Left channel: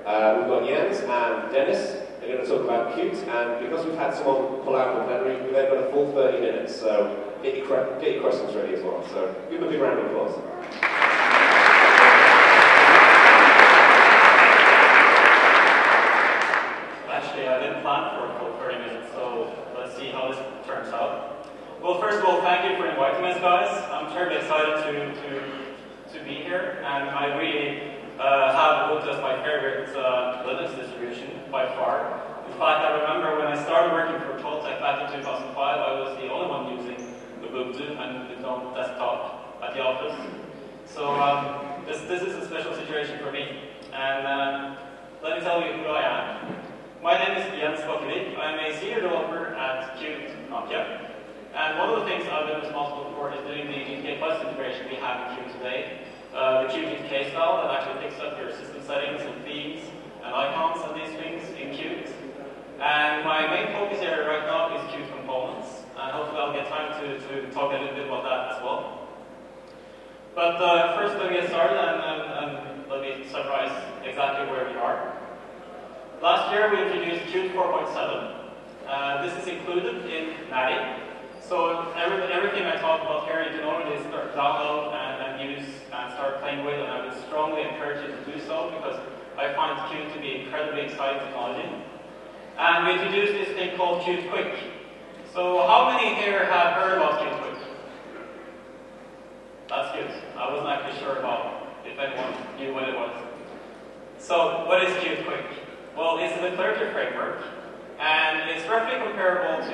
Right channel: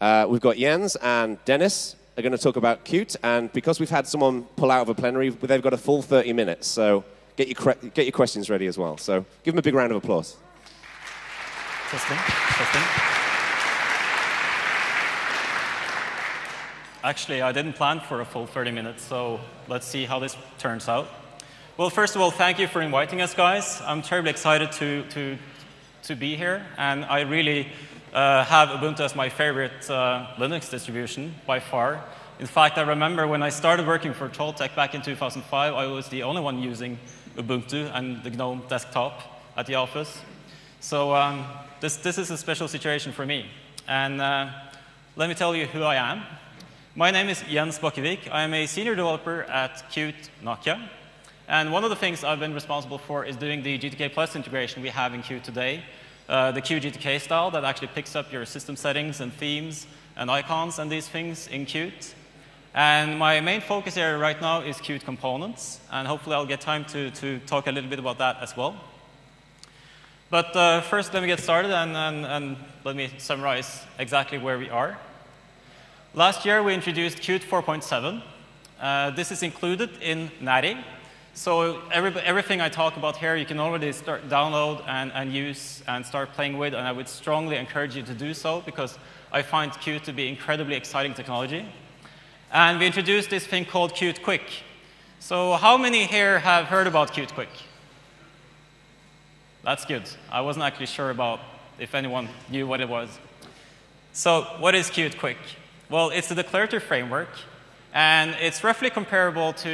We've got Jens and Dennis are going to talk about Qt, and because we've had someone pull out of a plenary, we've then got a full 30 minutes, so get your questions ready as well. So give them a big round of applause. Actually, I didn't plan for a full 30 minutes, so let's see how this turns out. Well, first of all, thank you for inviting us, guys. I'm terribly excited to be here, and I really have Ubuntu as my favorite Linux distribution by far. In fact, I remember when I started working for Toltec back in 2005, I was the only one using Ubuntu and the GNOME desktop at the office. So this is a special situation for me. And let me tell you who I am. My name is Jens Bakkevik. I am a senior developer at Qt Nokia. And one of the things I've been responsible for is doing the GTK Plus integration we have in Qt today. The QGTK style that actually picks up your system settings and themes and icons and these things in Qt. And my main focus area right now is Qt components. And hopefully I'll get time to talk a little bit about that as well. But first let me get started and let me summarize exactly where we are. Last year we introduced Qt 4.7. This is included in Natty. So everything I talk about here you can already start download and use and start playing with, and I would strongly encourage you to do so because I find Qt to be incredibly exciting technology. And we introduced this thing called Qt Quick. So how many here have heard about Qt Quick? That's good. I wasn't actually sure about if anyone knew what it was. So what is Qt Quick? Well, it's a declarative framework, and it's roughly comparable to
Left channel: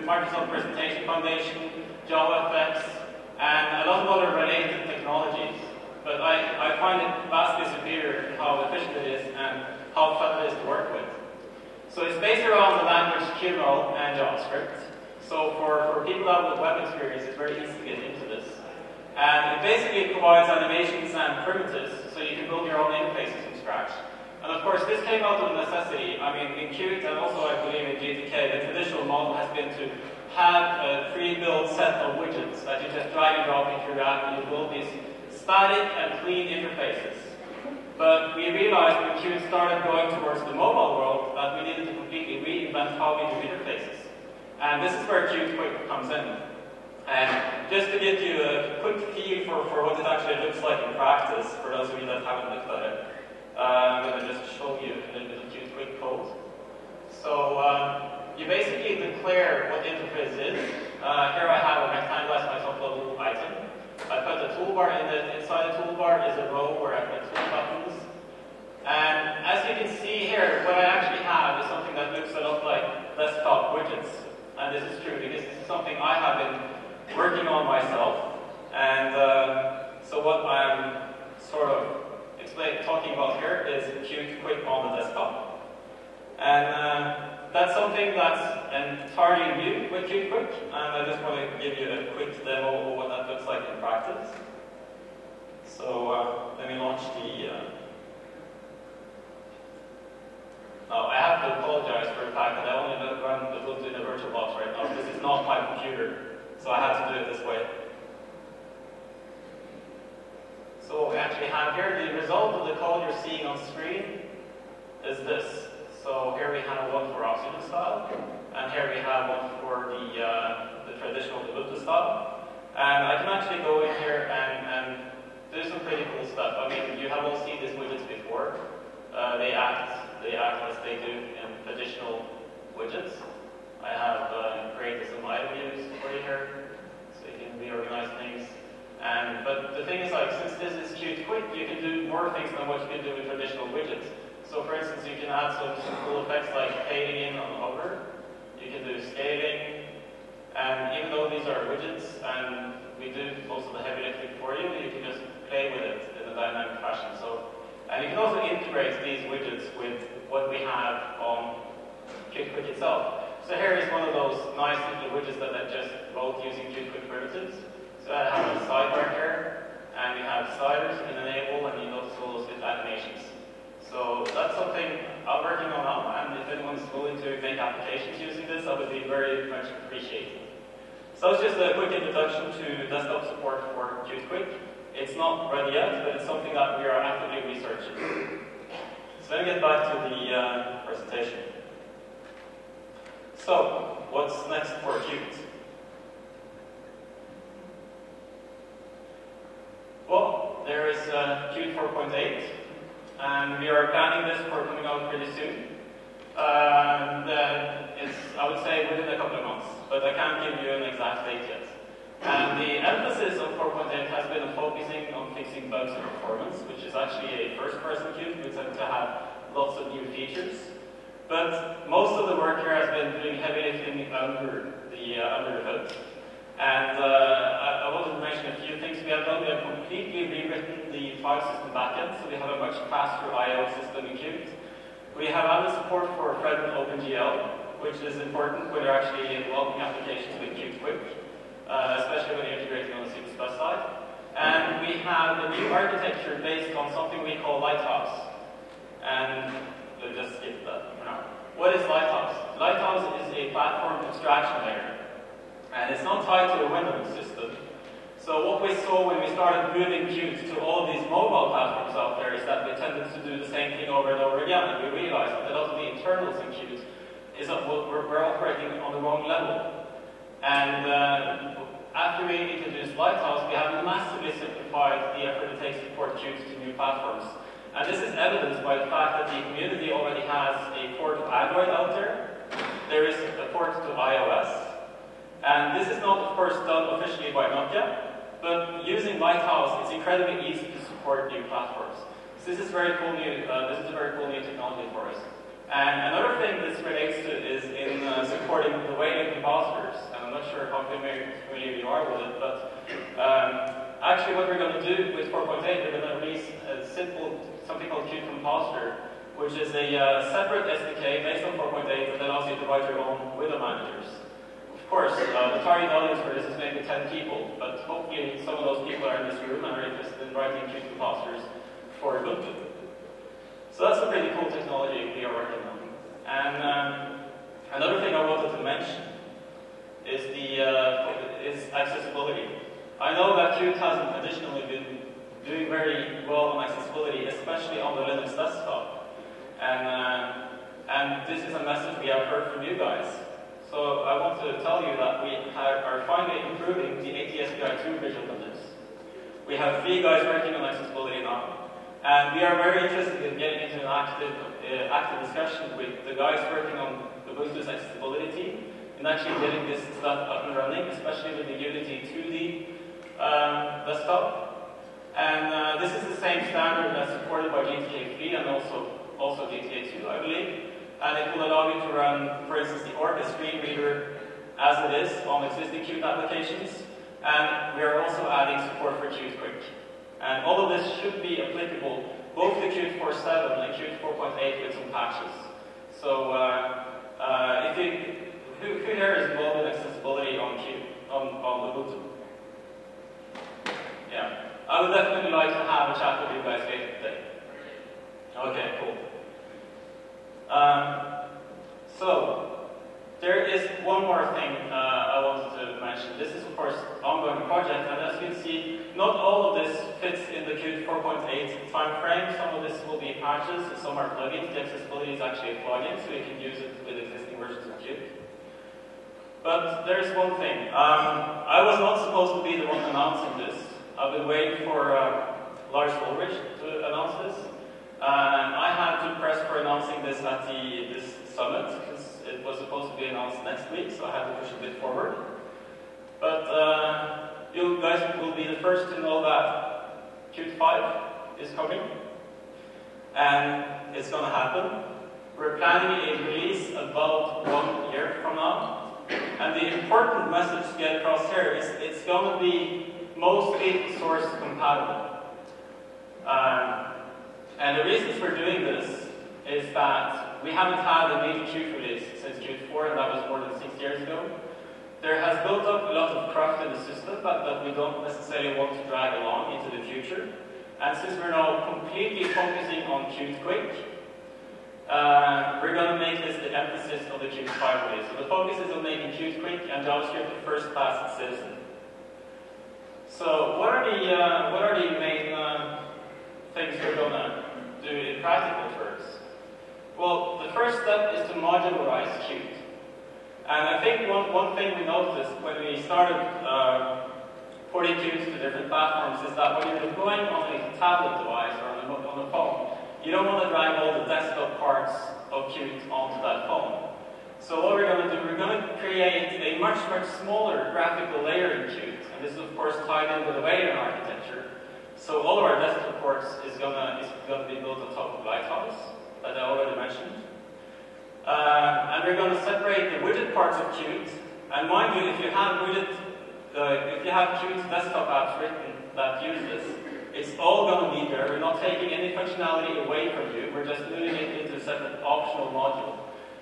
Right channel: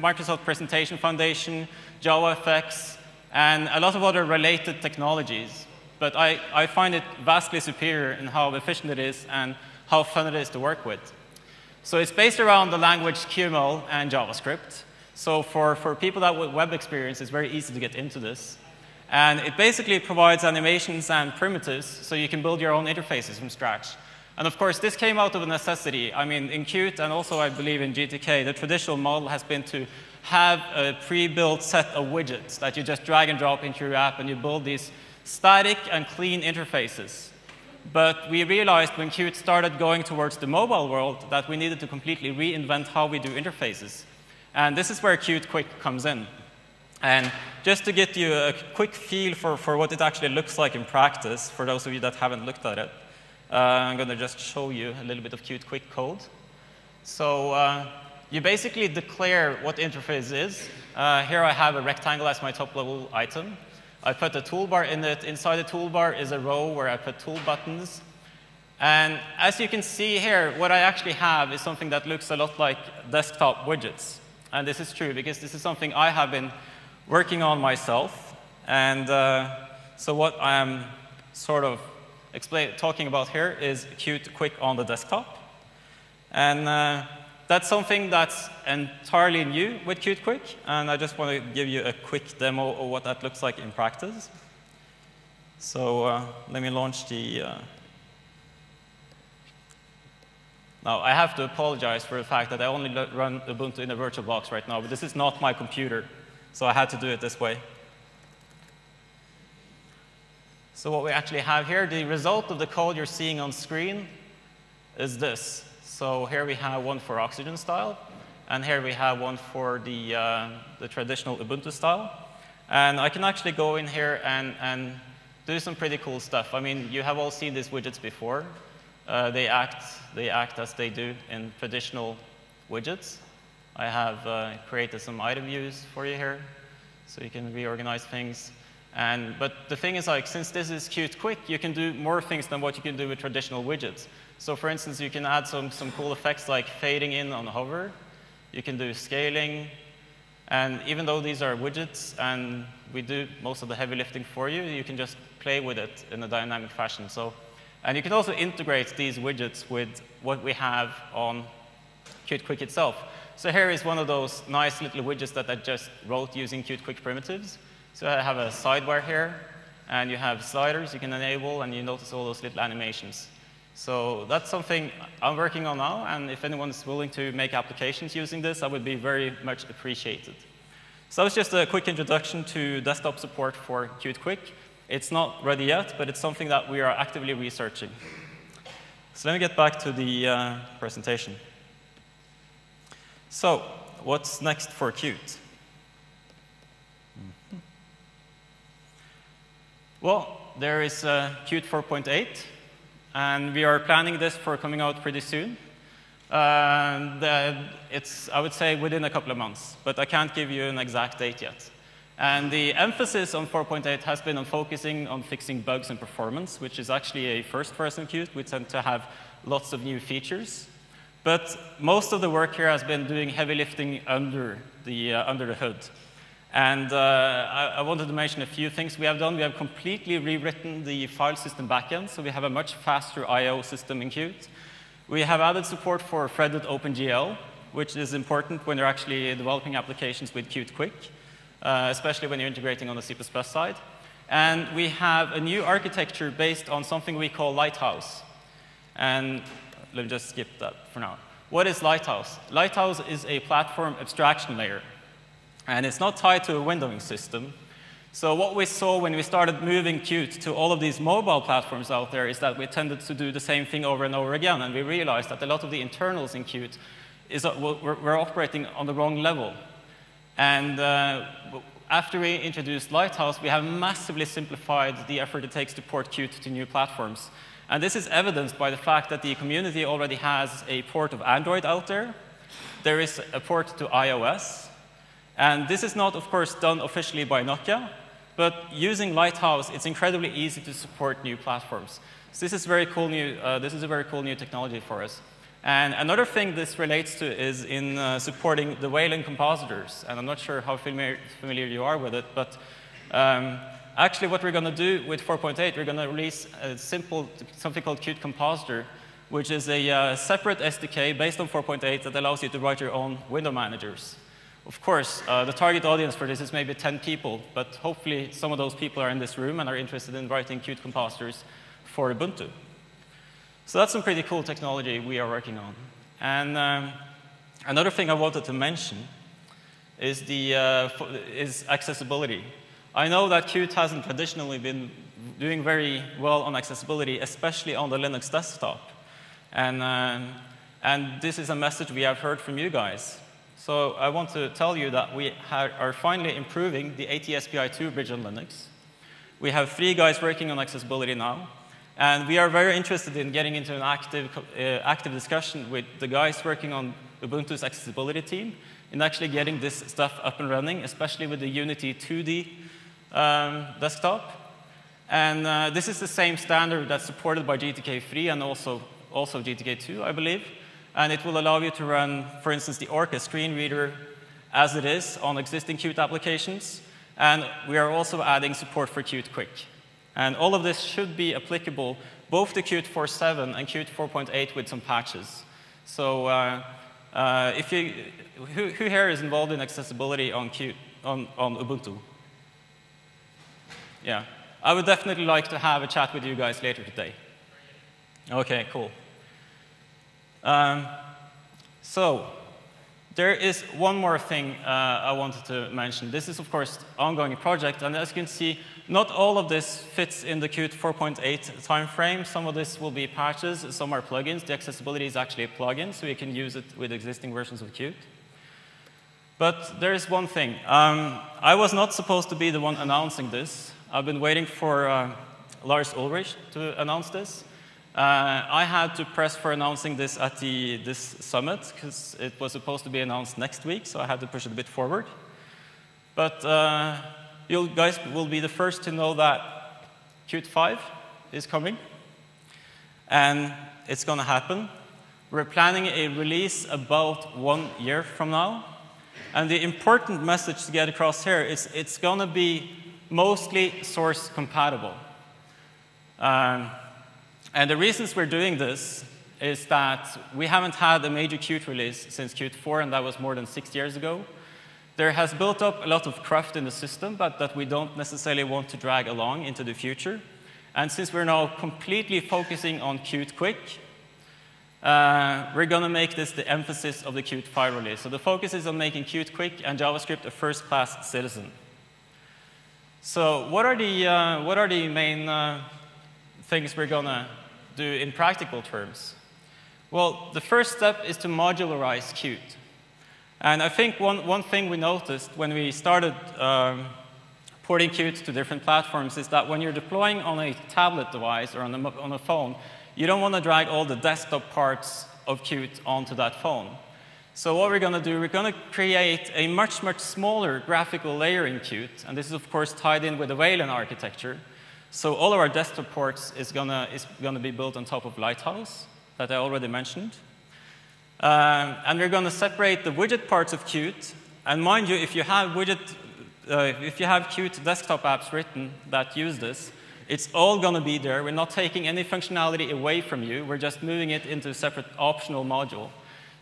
Microsoft Presentation Foundation, JavaFX, and a lot of other related technologies. But I find it vastly superior in how efficient it is and how fun it is to work with. So it's based around the language QML and JavaScript. So for people that have web experience, it's very easy to get into this. And it basically provides animations and primitives, so you can build your own interfaces from scratch. And of course, this came out of a necessity. I mean, in Qt and also I believe in GTK, the traditional model has been to have a pre-built set of widgets that you just drag and drop into your app and you build these static and clean interfaces. But we realized when Qt started going towards the mobile world that we needed to completely reinvent how we do interfaces. And this is where Qt Quick comes in. And just to get you a quick feel for what it actually looks like in practice, for those of you that haven't looked at it, I'm going to just show you a little bit of Qt Quick code. So you basically declare what interface is. Here I have a rectangle as my top level item. I put a toolbar in it. Inside the toolbar is a row where I put tool buttons. And as you can see here, what I actually have is something that looks a lot like desktop widgets. And this is true because this is something I have been working on myself. And so what I'm sort of talking about here is Qt Quick on the desktop. And that's something that's entirely new with Qt Quick, and I just want to give you a quick demo of what that looks like in practice. So let me launch the... Now, I have to apologize for the fact that I only run Ubuntu in a VirtualBox right now. This is not my computer, so I had to do it this way. So what we actually have here, the result of the code you're seeing on screen is this. So here we have one for Oxygen style, and here we have one for the traditional Ubuntu style. And I can actually go in here and do some pretty cool stuff. I mean, you have all seen these widgets before. They act as they do in traditional widgets. I have created some item views for you here, so you can reorganize things. But the thing is, like, since this is Qt Quick, you can do more things than what you can do with traditional widgets. So for instance, you can add some cool effects like fading in on hover. You can do scaling. And even though these are widgets and we do most of the heavy lifting for you, you can just play with it in a dynamic fashion. And you can also integrate these widgets with what we have on Qt Quick itself. So here is one of those nice little widgets that I just wrote using Qt Quick primitives. So I have a sidebar here, and you have sliders you can enable, and you notice all those little animations. So that's something I'm working on now, and if anyone's willing to make applications using this, I would be very much appreciated. So that was just a quick introduction to desktop support for Qt Quick. It's not ready yet, but it's something that we are actively researching. So let me get back to the presentation. So, what's next for Qt? Well, there is Qt 4.8, and we are planning this for coming out pretty soon. It's, I would say, within a couple of months, but I can't give you an exact date yet. And the emphasis on 4.8 has been on focusing on fixing bugs and performance, which is actually a first for us in Qt. We tend to have lots of new features. But most of the work here has been doing heavy lifting under the hood. And I wanted to mention a few things we have done. We have completely rewritten the file system backend, so we have a much faster I/O system in Qt. We have added support for threaded OpenGL, which is important when you're actually developing applications with Qt Quick, especially when you're integrating on the C++ side. And we have a new architecture based on something we call Lighthouse. And let me just skip that for now. What is Lighthouse? Lighthouse is a platform abstraction layer. And it's not tied to a windowing system. So what we saw when we started moving Qt to all of these mobile platforms out there is that we tended to do the same thing over and over again. And we realized that a lot of the internals in Qt we're operating on the wrong level. And after we introduced Lighthouse, we have massively simplified the effort it takes to port Qt to new platforms. And this is evidenced by the fact that the community already has a port of Android out there. There is a port to iOS. And this is not, of course, done officially by Nokia, but using Lighthouse, it's incredibly easy to support new platforms. So this is very cool this is a very cool new technology for us. And another thing this relates to is in supporting the Wayland compositors. And I'm not sure how familiar you are with it, but actually what we're going to do with 4.8, we're going to release something called Qt Compositor, which is a separate SDK based on 4.8 that allows you to write your own window managers. Of course, the target audience for this is maybe 10 people, but hopefully some of those people are in this room and are interested in writing Qt compositors for Ubuntu. So that's some pretty cool technology we are working on. And another thing I wanted to mention is accessibility. I know that Qt hasn't traditionally been doing very well on accessibility, especially on the Linux desktop. And this is a message we have heard from you guys. So I want to tell you that we are finally improving the ATSPI2 bridge on Linux. We have 3 guys working on accessibility now. And we are very interested in getting into an active discussion with the guys working on Ubuntu's accessibility team and actually getting this stuff up and running, especially with the Unity 2D desktop. And this is the same standard that's supported by GTK3 and also GTK2, I believe. And it will allow you to run, for instance, the Orca screen reader as it is on existing Qt applications. And we are also adding support for Qt Quick. And all of this should be applicable both to Qt 4.7 and Qt 4.8 with some patches. So who here is involved in accessibility on Ubuntu? Yeah. I would definitely like to have a chat with you guys later today. Okay, cool. So there is one more thing I wanted to mention. This is, of course, an ongoing project, and as you can see, not all of this fits in the Qt 4.8 time frame. Some of this will be patches, some are plugins. The accessibility is actually a plugin, so you can use it with existing versions of Qt. But there is one thing. I was not supposed to be the one announcing this. I've been waiting for Lars Ulrich to announce this. I had to press for announcing this at this summit because it was supposed to be announced next week, so I had to push it a bit forward. But you guys will be the first to know that Qt 5 is coming, and it's going to happen. We're planning a release about 1 year from now, and the important message to get across here is it's going to be mostly source compatible. And the reasons we're doing this is that we haven't had a major Qt release since Qt 4, and that was more than 6 years ago. There has built up a lot of craft in the system that we don't necessarily want to drag along into the future. And since we're now completely focusing on Qt Quick, we're going to make this the emphasis of the Qt 5 release. So the focus is on making Qt Quick and JavaScript a first-class citizen. So what are the main things we're going to do in practical terms? Well, the first step is to modularize Qt. And I think one thing we noticed when we started porting Qt to different platforms is that when you're deploying on a tablet device or on a phone, you don't want to drag all the desktop parts of Qt onto that phone. So what we're going to do, we're going to create a much smaller graphical layer in Qt, and this is of course tied in with the Wayland architecture. So all of our desktop ports is going to be built on top of Lighthouse, that I already mentioned. And we're going to separate the widget parts of Qt. And mind you, if you have Qt desktop apps written that use this, it's all going to be there. We're not taking any functionality away from you. We're just moving it into a separate optional module,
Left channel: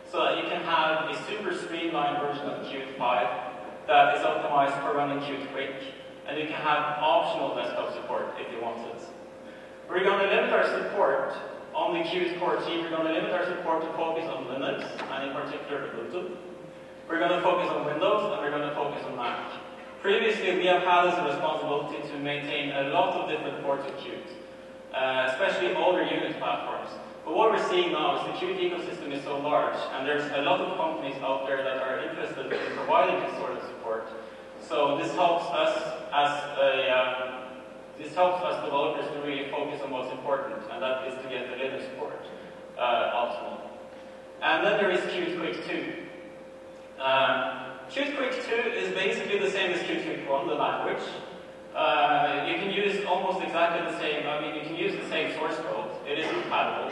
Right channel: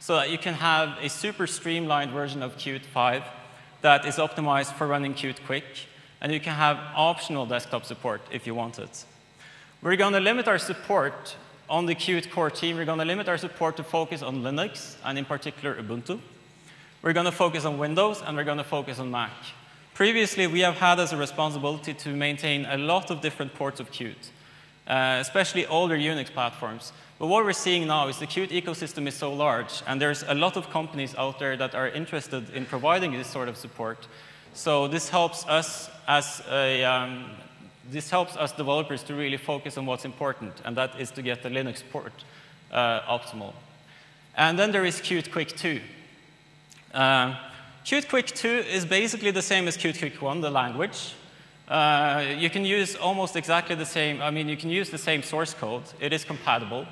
so that you can have a super streamlined version of Qt 5 that is optimized for running Qt quick, and you can have optional desktop support if you want it. We're going to limit our support on the Qt core team. We're going to limit our support to focus on Linux, and in particular Ubuntu. We're going to focus on Windows, and we're going to focus on Mac. Previously, we have had as a responsibility to maintain a lot of different ports of Qt, especially older Unix platforms. But what we're seeing now is the Qt ecosystem is so large, and there's a lot of companies out there that are interested in providing this sort of support. So this helps us developers to really focus on what's important, and that is to get the Linux port optimal. And then there is Qt Quick 2. Qt Quick 2 is basically the same as Qt Quick 1, the language. You can use almost exactly the same, you can use the same source code. It is compatible.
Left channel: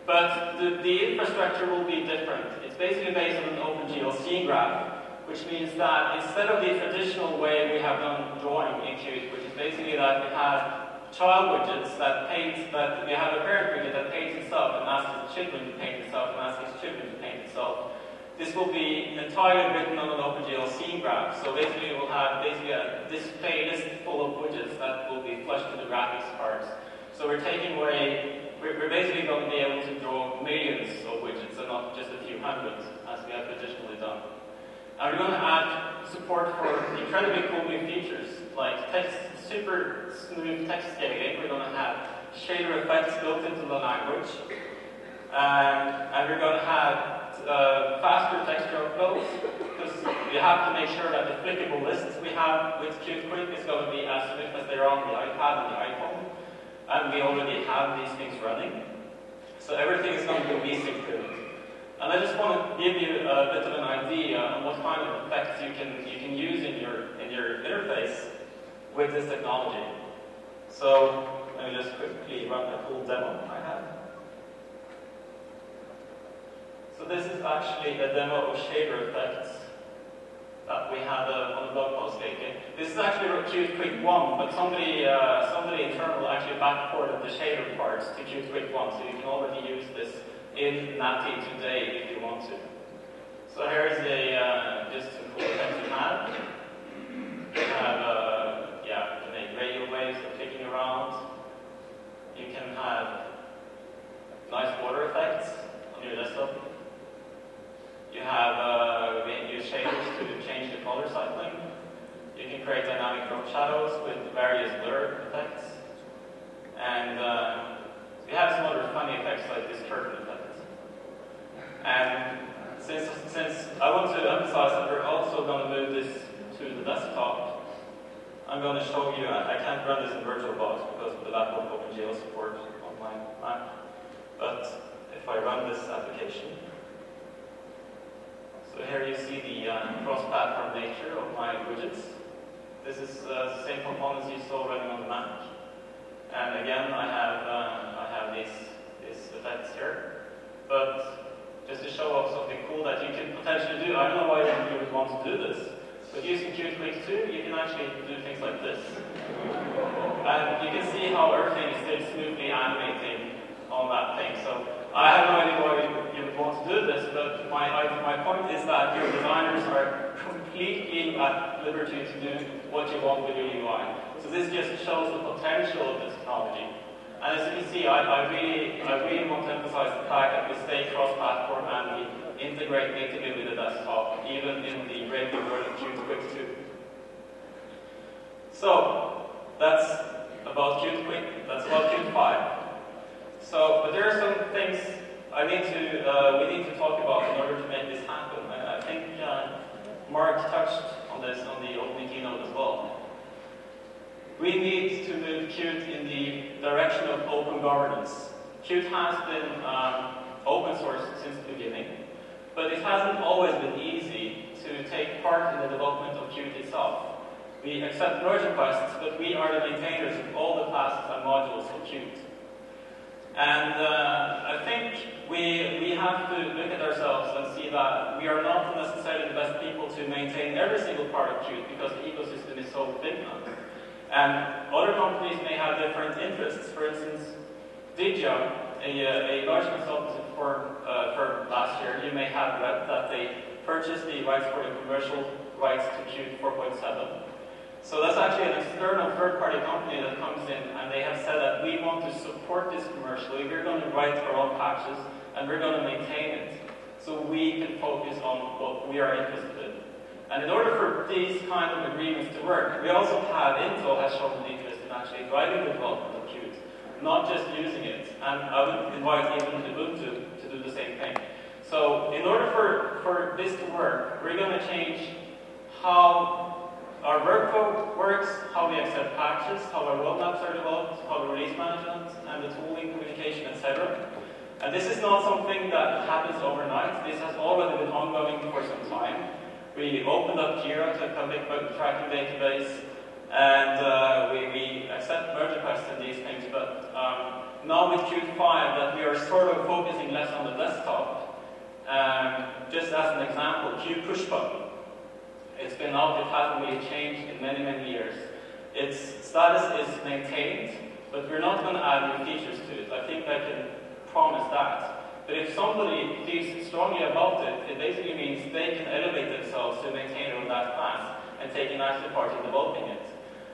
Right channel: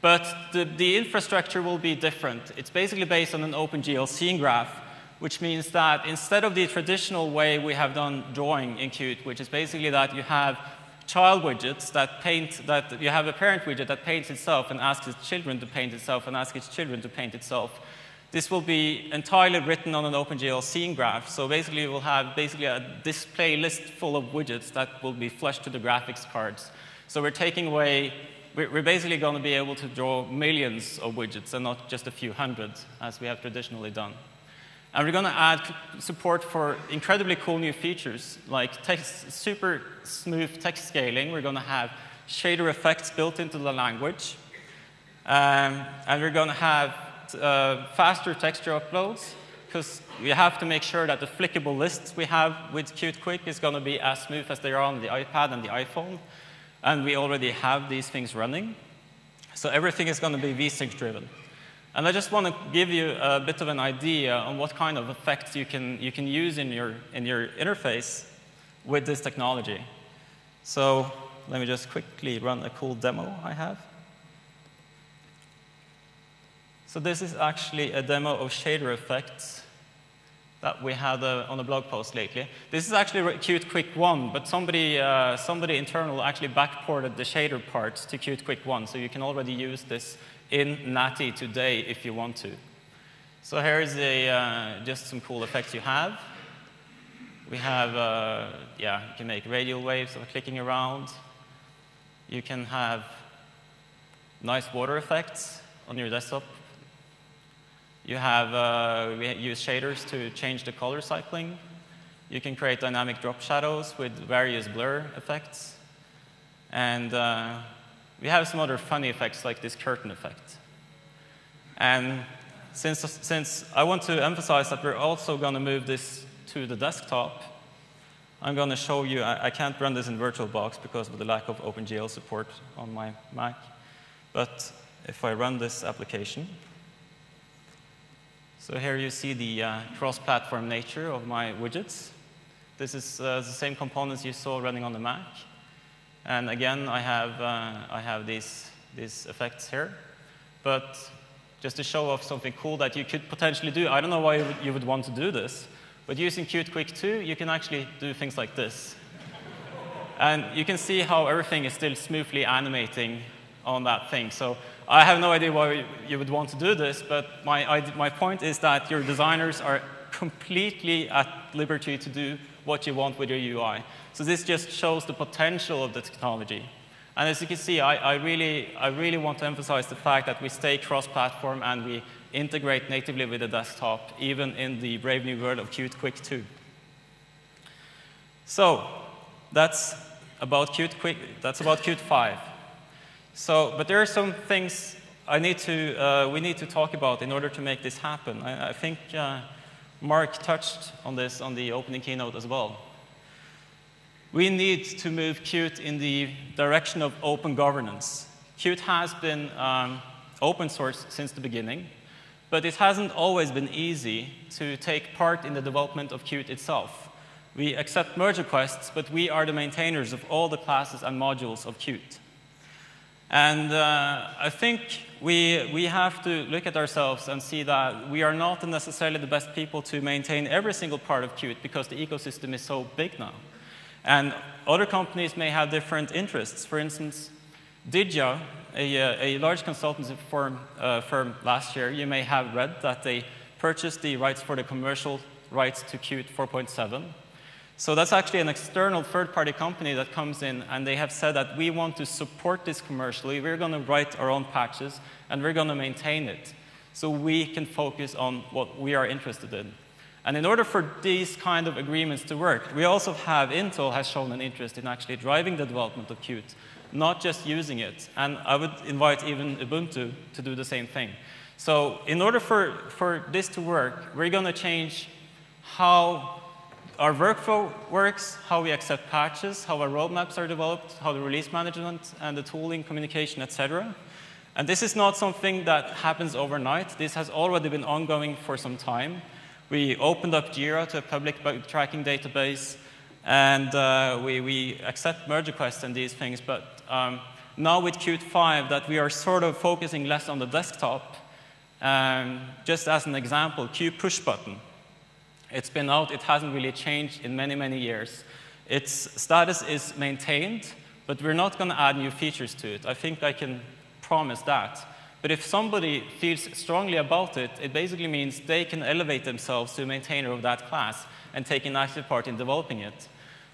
But the infrastructure will be different. It's basically based on an OpenGL graph, which means that instead of the traditional way we have done drawing in Qt, which is basically that you have child widgets that you have a parent widget that paints itself and asks its children to paint itself and asks its children to paint itself. This will be entirely written on an OpenGL scene graph. So basically we'll have a display list full of widgets that will be flushed to the graphics cards. So we're basically going to be able to draw millions of widgets and not just a few hundred as we have traditionally done. And we're going to add support for incredibly cool new features like super smooth text scaling. We're going to have shader effects built into the language. And we're going to have faster texture uploads, because we have to make sure that the flickable lists we have with Qt Quick is going to be as smooth as they are on the iPad and the iPhone. And we already have these things running. So everything is going to be vSync driven. And I just want to give you a bit of an idea on what kind of effects you can use in your interface with this technology. So let me just quickly run a cool demo I have. So this is actually a demo of shader effects that we had on a blog post lately. This is actually Qt Quick 1, but somebody internal actually backported the shader parts to Qt Quick 1, so you can already use this in Natty today if you want to. So here's just some cool effects you have. We have, you can make radial waves of clicking around. You can have nice water effects on your desktop. You have, we use shaders to change the color cycling. You can create dynamic drop shadows with various blur effects. And we have some other funny effects like this curtain effect. And since I want to emphasize that we're also going to move this to the desktop, I'm going to show you, I can't run this in VirtualBox because of the lack of OpenGL support on my Mac. But if I run this application, so here you see the cross-platform nature of my widgets. This is the same components you saw running on the Mac. And again, I have these effects here. But just to show off something cool that you could potentially do, I don't know why you would want to do this, but using Qt Quick 2, you can actually do things like this. And you can see how everything is still smoothly animating on that thing. So I have no idea why you would want to do this, but my point is that your designers are completely at liberty to do what you want with your UI. So this just shows the potential of the technology. And as you can see, I really want to emphasize the fact that we stay cross-platform and we integrate natively with the desktop, even in the brave new world of Qt Quick 2. So that's about Qt 5. So, but there are some things we need to talk about in order to make this happen. I think Mark touched on this on the opening keynote as well. We need to move Qt in the direction of open governance. Qt has been open source since the beginning, but it hasn't always been easy to take part in the development of Qt itself. We accept merge requests, but we are the maintainers of all the classes and modules of Qt. And I think we have to look at ourselves and see that we are not necessarily the best people to maintain every single part of Qt because the ecosystem is so big now. And other companies may have different interests. For instance, Didya, a large consultancy firm last year, you may have read that they purchased the rights for the commercial rights to Qt 4.7. So that's actually an external third-party company that comes in, and they have said that we want to support this commercially. We're going to write our own patches, and we're going to maintain it, so we can focus on what we are interested in. And in order for these kind of agreements to work, we also have Intel has shown an interest in actually driving the development of Qt, not just using it. And I would invite even Ubuntu to do the same thing. So in order for this to work, we're going to change how our workflow works, how we accept patches, how our roadmaps are developed, how the release management and the tooling, communication, etc. And this is not something that happens overnight. This has already been ongoing for some time. We opened up Jira to a public bug tracking database, and we accept merge requests and these things. But now with Qt 5, that we are sort of focusing less on the desktop. Just as an example, Qt push button. It's been out, it hasn't really changed in many, many years. Its status is maintained, but we're not going to add new features to it. I think I can promise that. But if somebody feels strongly about it, it basically means they can elevate themselves to a maintainer of that class and take an active part in developing it.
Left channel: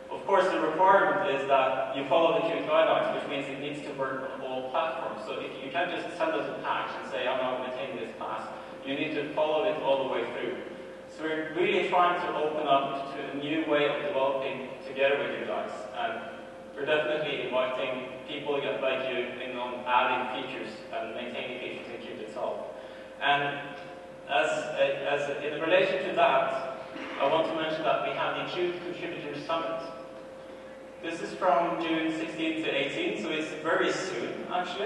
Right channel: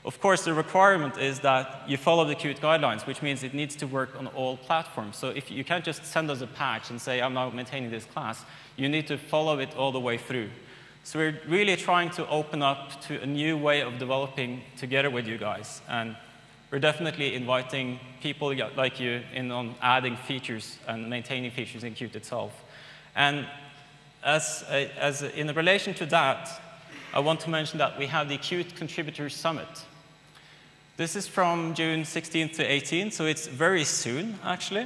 Of course, the requirement is that you follow the Qt guidelines, which means it needs to work on all platforms. So if you can't just send us a patch and say, I'm not maintaining this class, you need to follow it all the way through. So we're really trying to open up to a new way of developing together with you guys. And we're definitely inviting people like you in on adding features and maintaining features in Qt itself. And as in relation to that, I want to mention that we have the Qt Contributors Summit. This is from June 16th to 18th, so it's very soon, actually.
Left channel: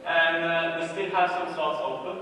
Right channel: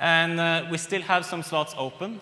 And we still have some slots open.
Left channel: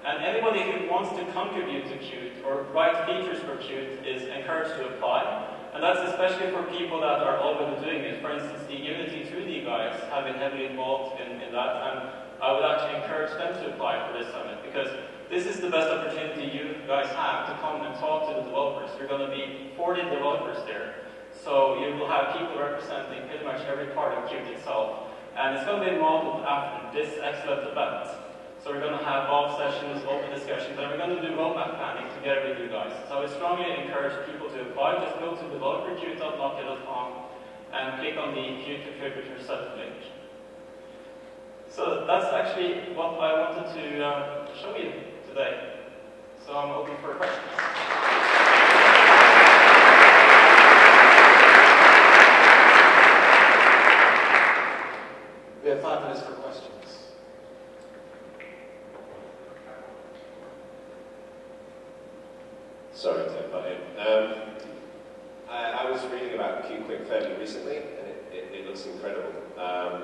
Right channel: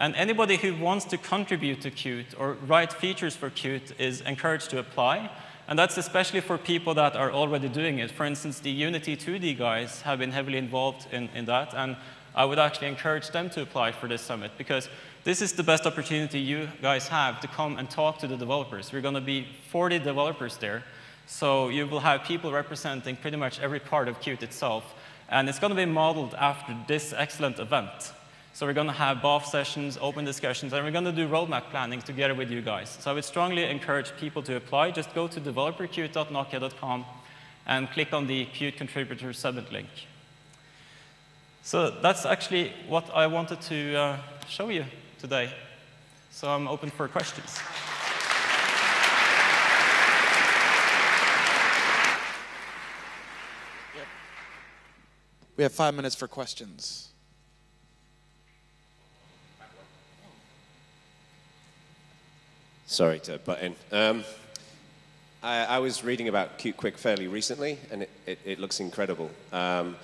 And anybody who wants to contribute to Qt or write features for Qt is encouraged to apply. And that's especially for people that are already doing it. For instance, the Unity 2D guys have been heavily involved in that. And I would actually encourage them to apply for this summit, because this is the best opportunity you guys have to come and talk to the developers. We're going to be 40 developers there. So you will have people representing pretty much every part of Qt itself. And it's going to be modeled after this excellent event. So we're going to have BOF sessions, open discussions, and we're going to do roadmap planning together with you guys. So I would strongly encourage people to apply. Just go to developerqt.nokia.com and click on the Qt Contributor Summit link. So that's actually what I wanted to show you today. So I'm open for questions. We have 5 minutes for questions. Sorry to butt in. I was reading about Qt Quick fairly recently, and it looks incredible.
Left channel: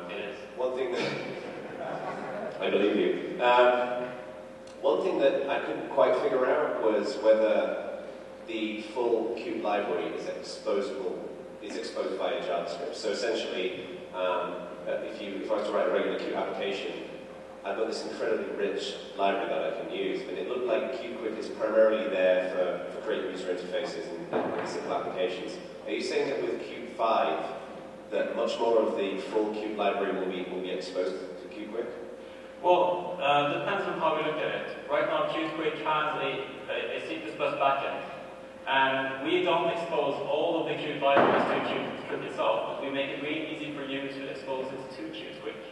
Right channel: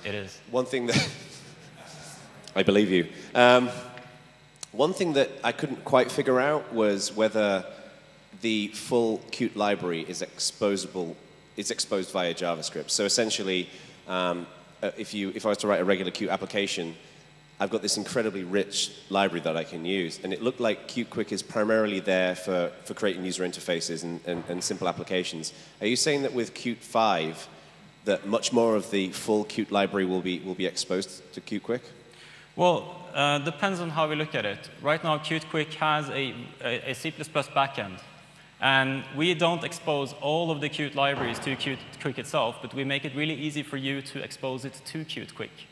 It is. One thing that I believe you. One thing that I couldn't quite figure out was whether the full Qt library is exposed via JavaScript. So essentially, if I was to write a regular Qt application, I've got this incredibly rich library that I can use, and it looked like Qt Quick is primarily there for creating user interfaces and simple applications. Are you saying that with Qt 5, that much more of the full Qt library will be exposed to Qt Quick? Well, depends on how we look at it. Right now, Qt Quick has a C++ backend, and we don't expose all of the Qt libraries to Qt Quick itself, but we make it really easy for you to expose it to Qt Quick.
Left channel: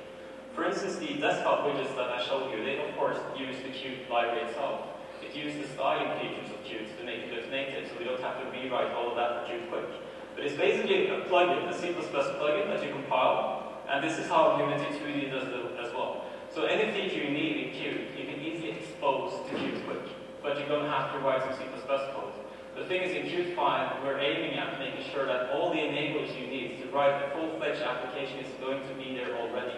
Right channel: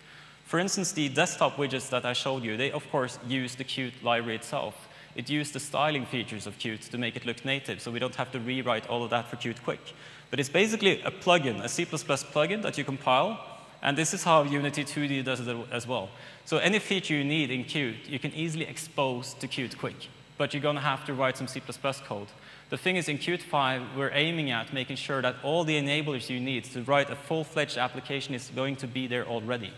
For instance, the desktop widgets that I showed you, they of course use the Qt library itself. It used the styling features of Qt to make it look native, so we don't have to rewrite all of that for Qt Quick. But it's basically a plugin, a C++ plugin that you compile, And this is how Unity 2D does it as well. So any feature you need in Qt, you can easily expose to Qt Quick, but you're going to have to write some C++ code. The thing is, in Qt 5, we're aiming at making sure that all the enablers you need to write a full-fledged application is going to be there already.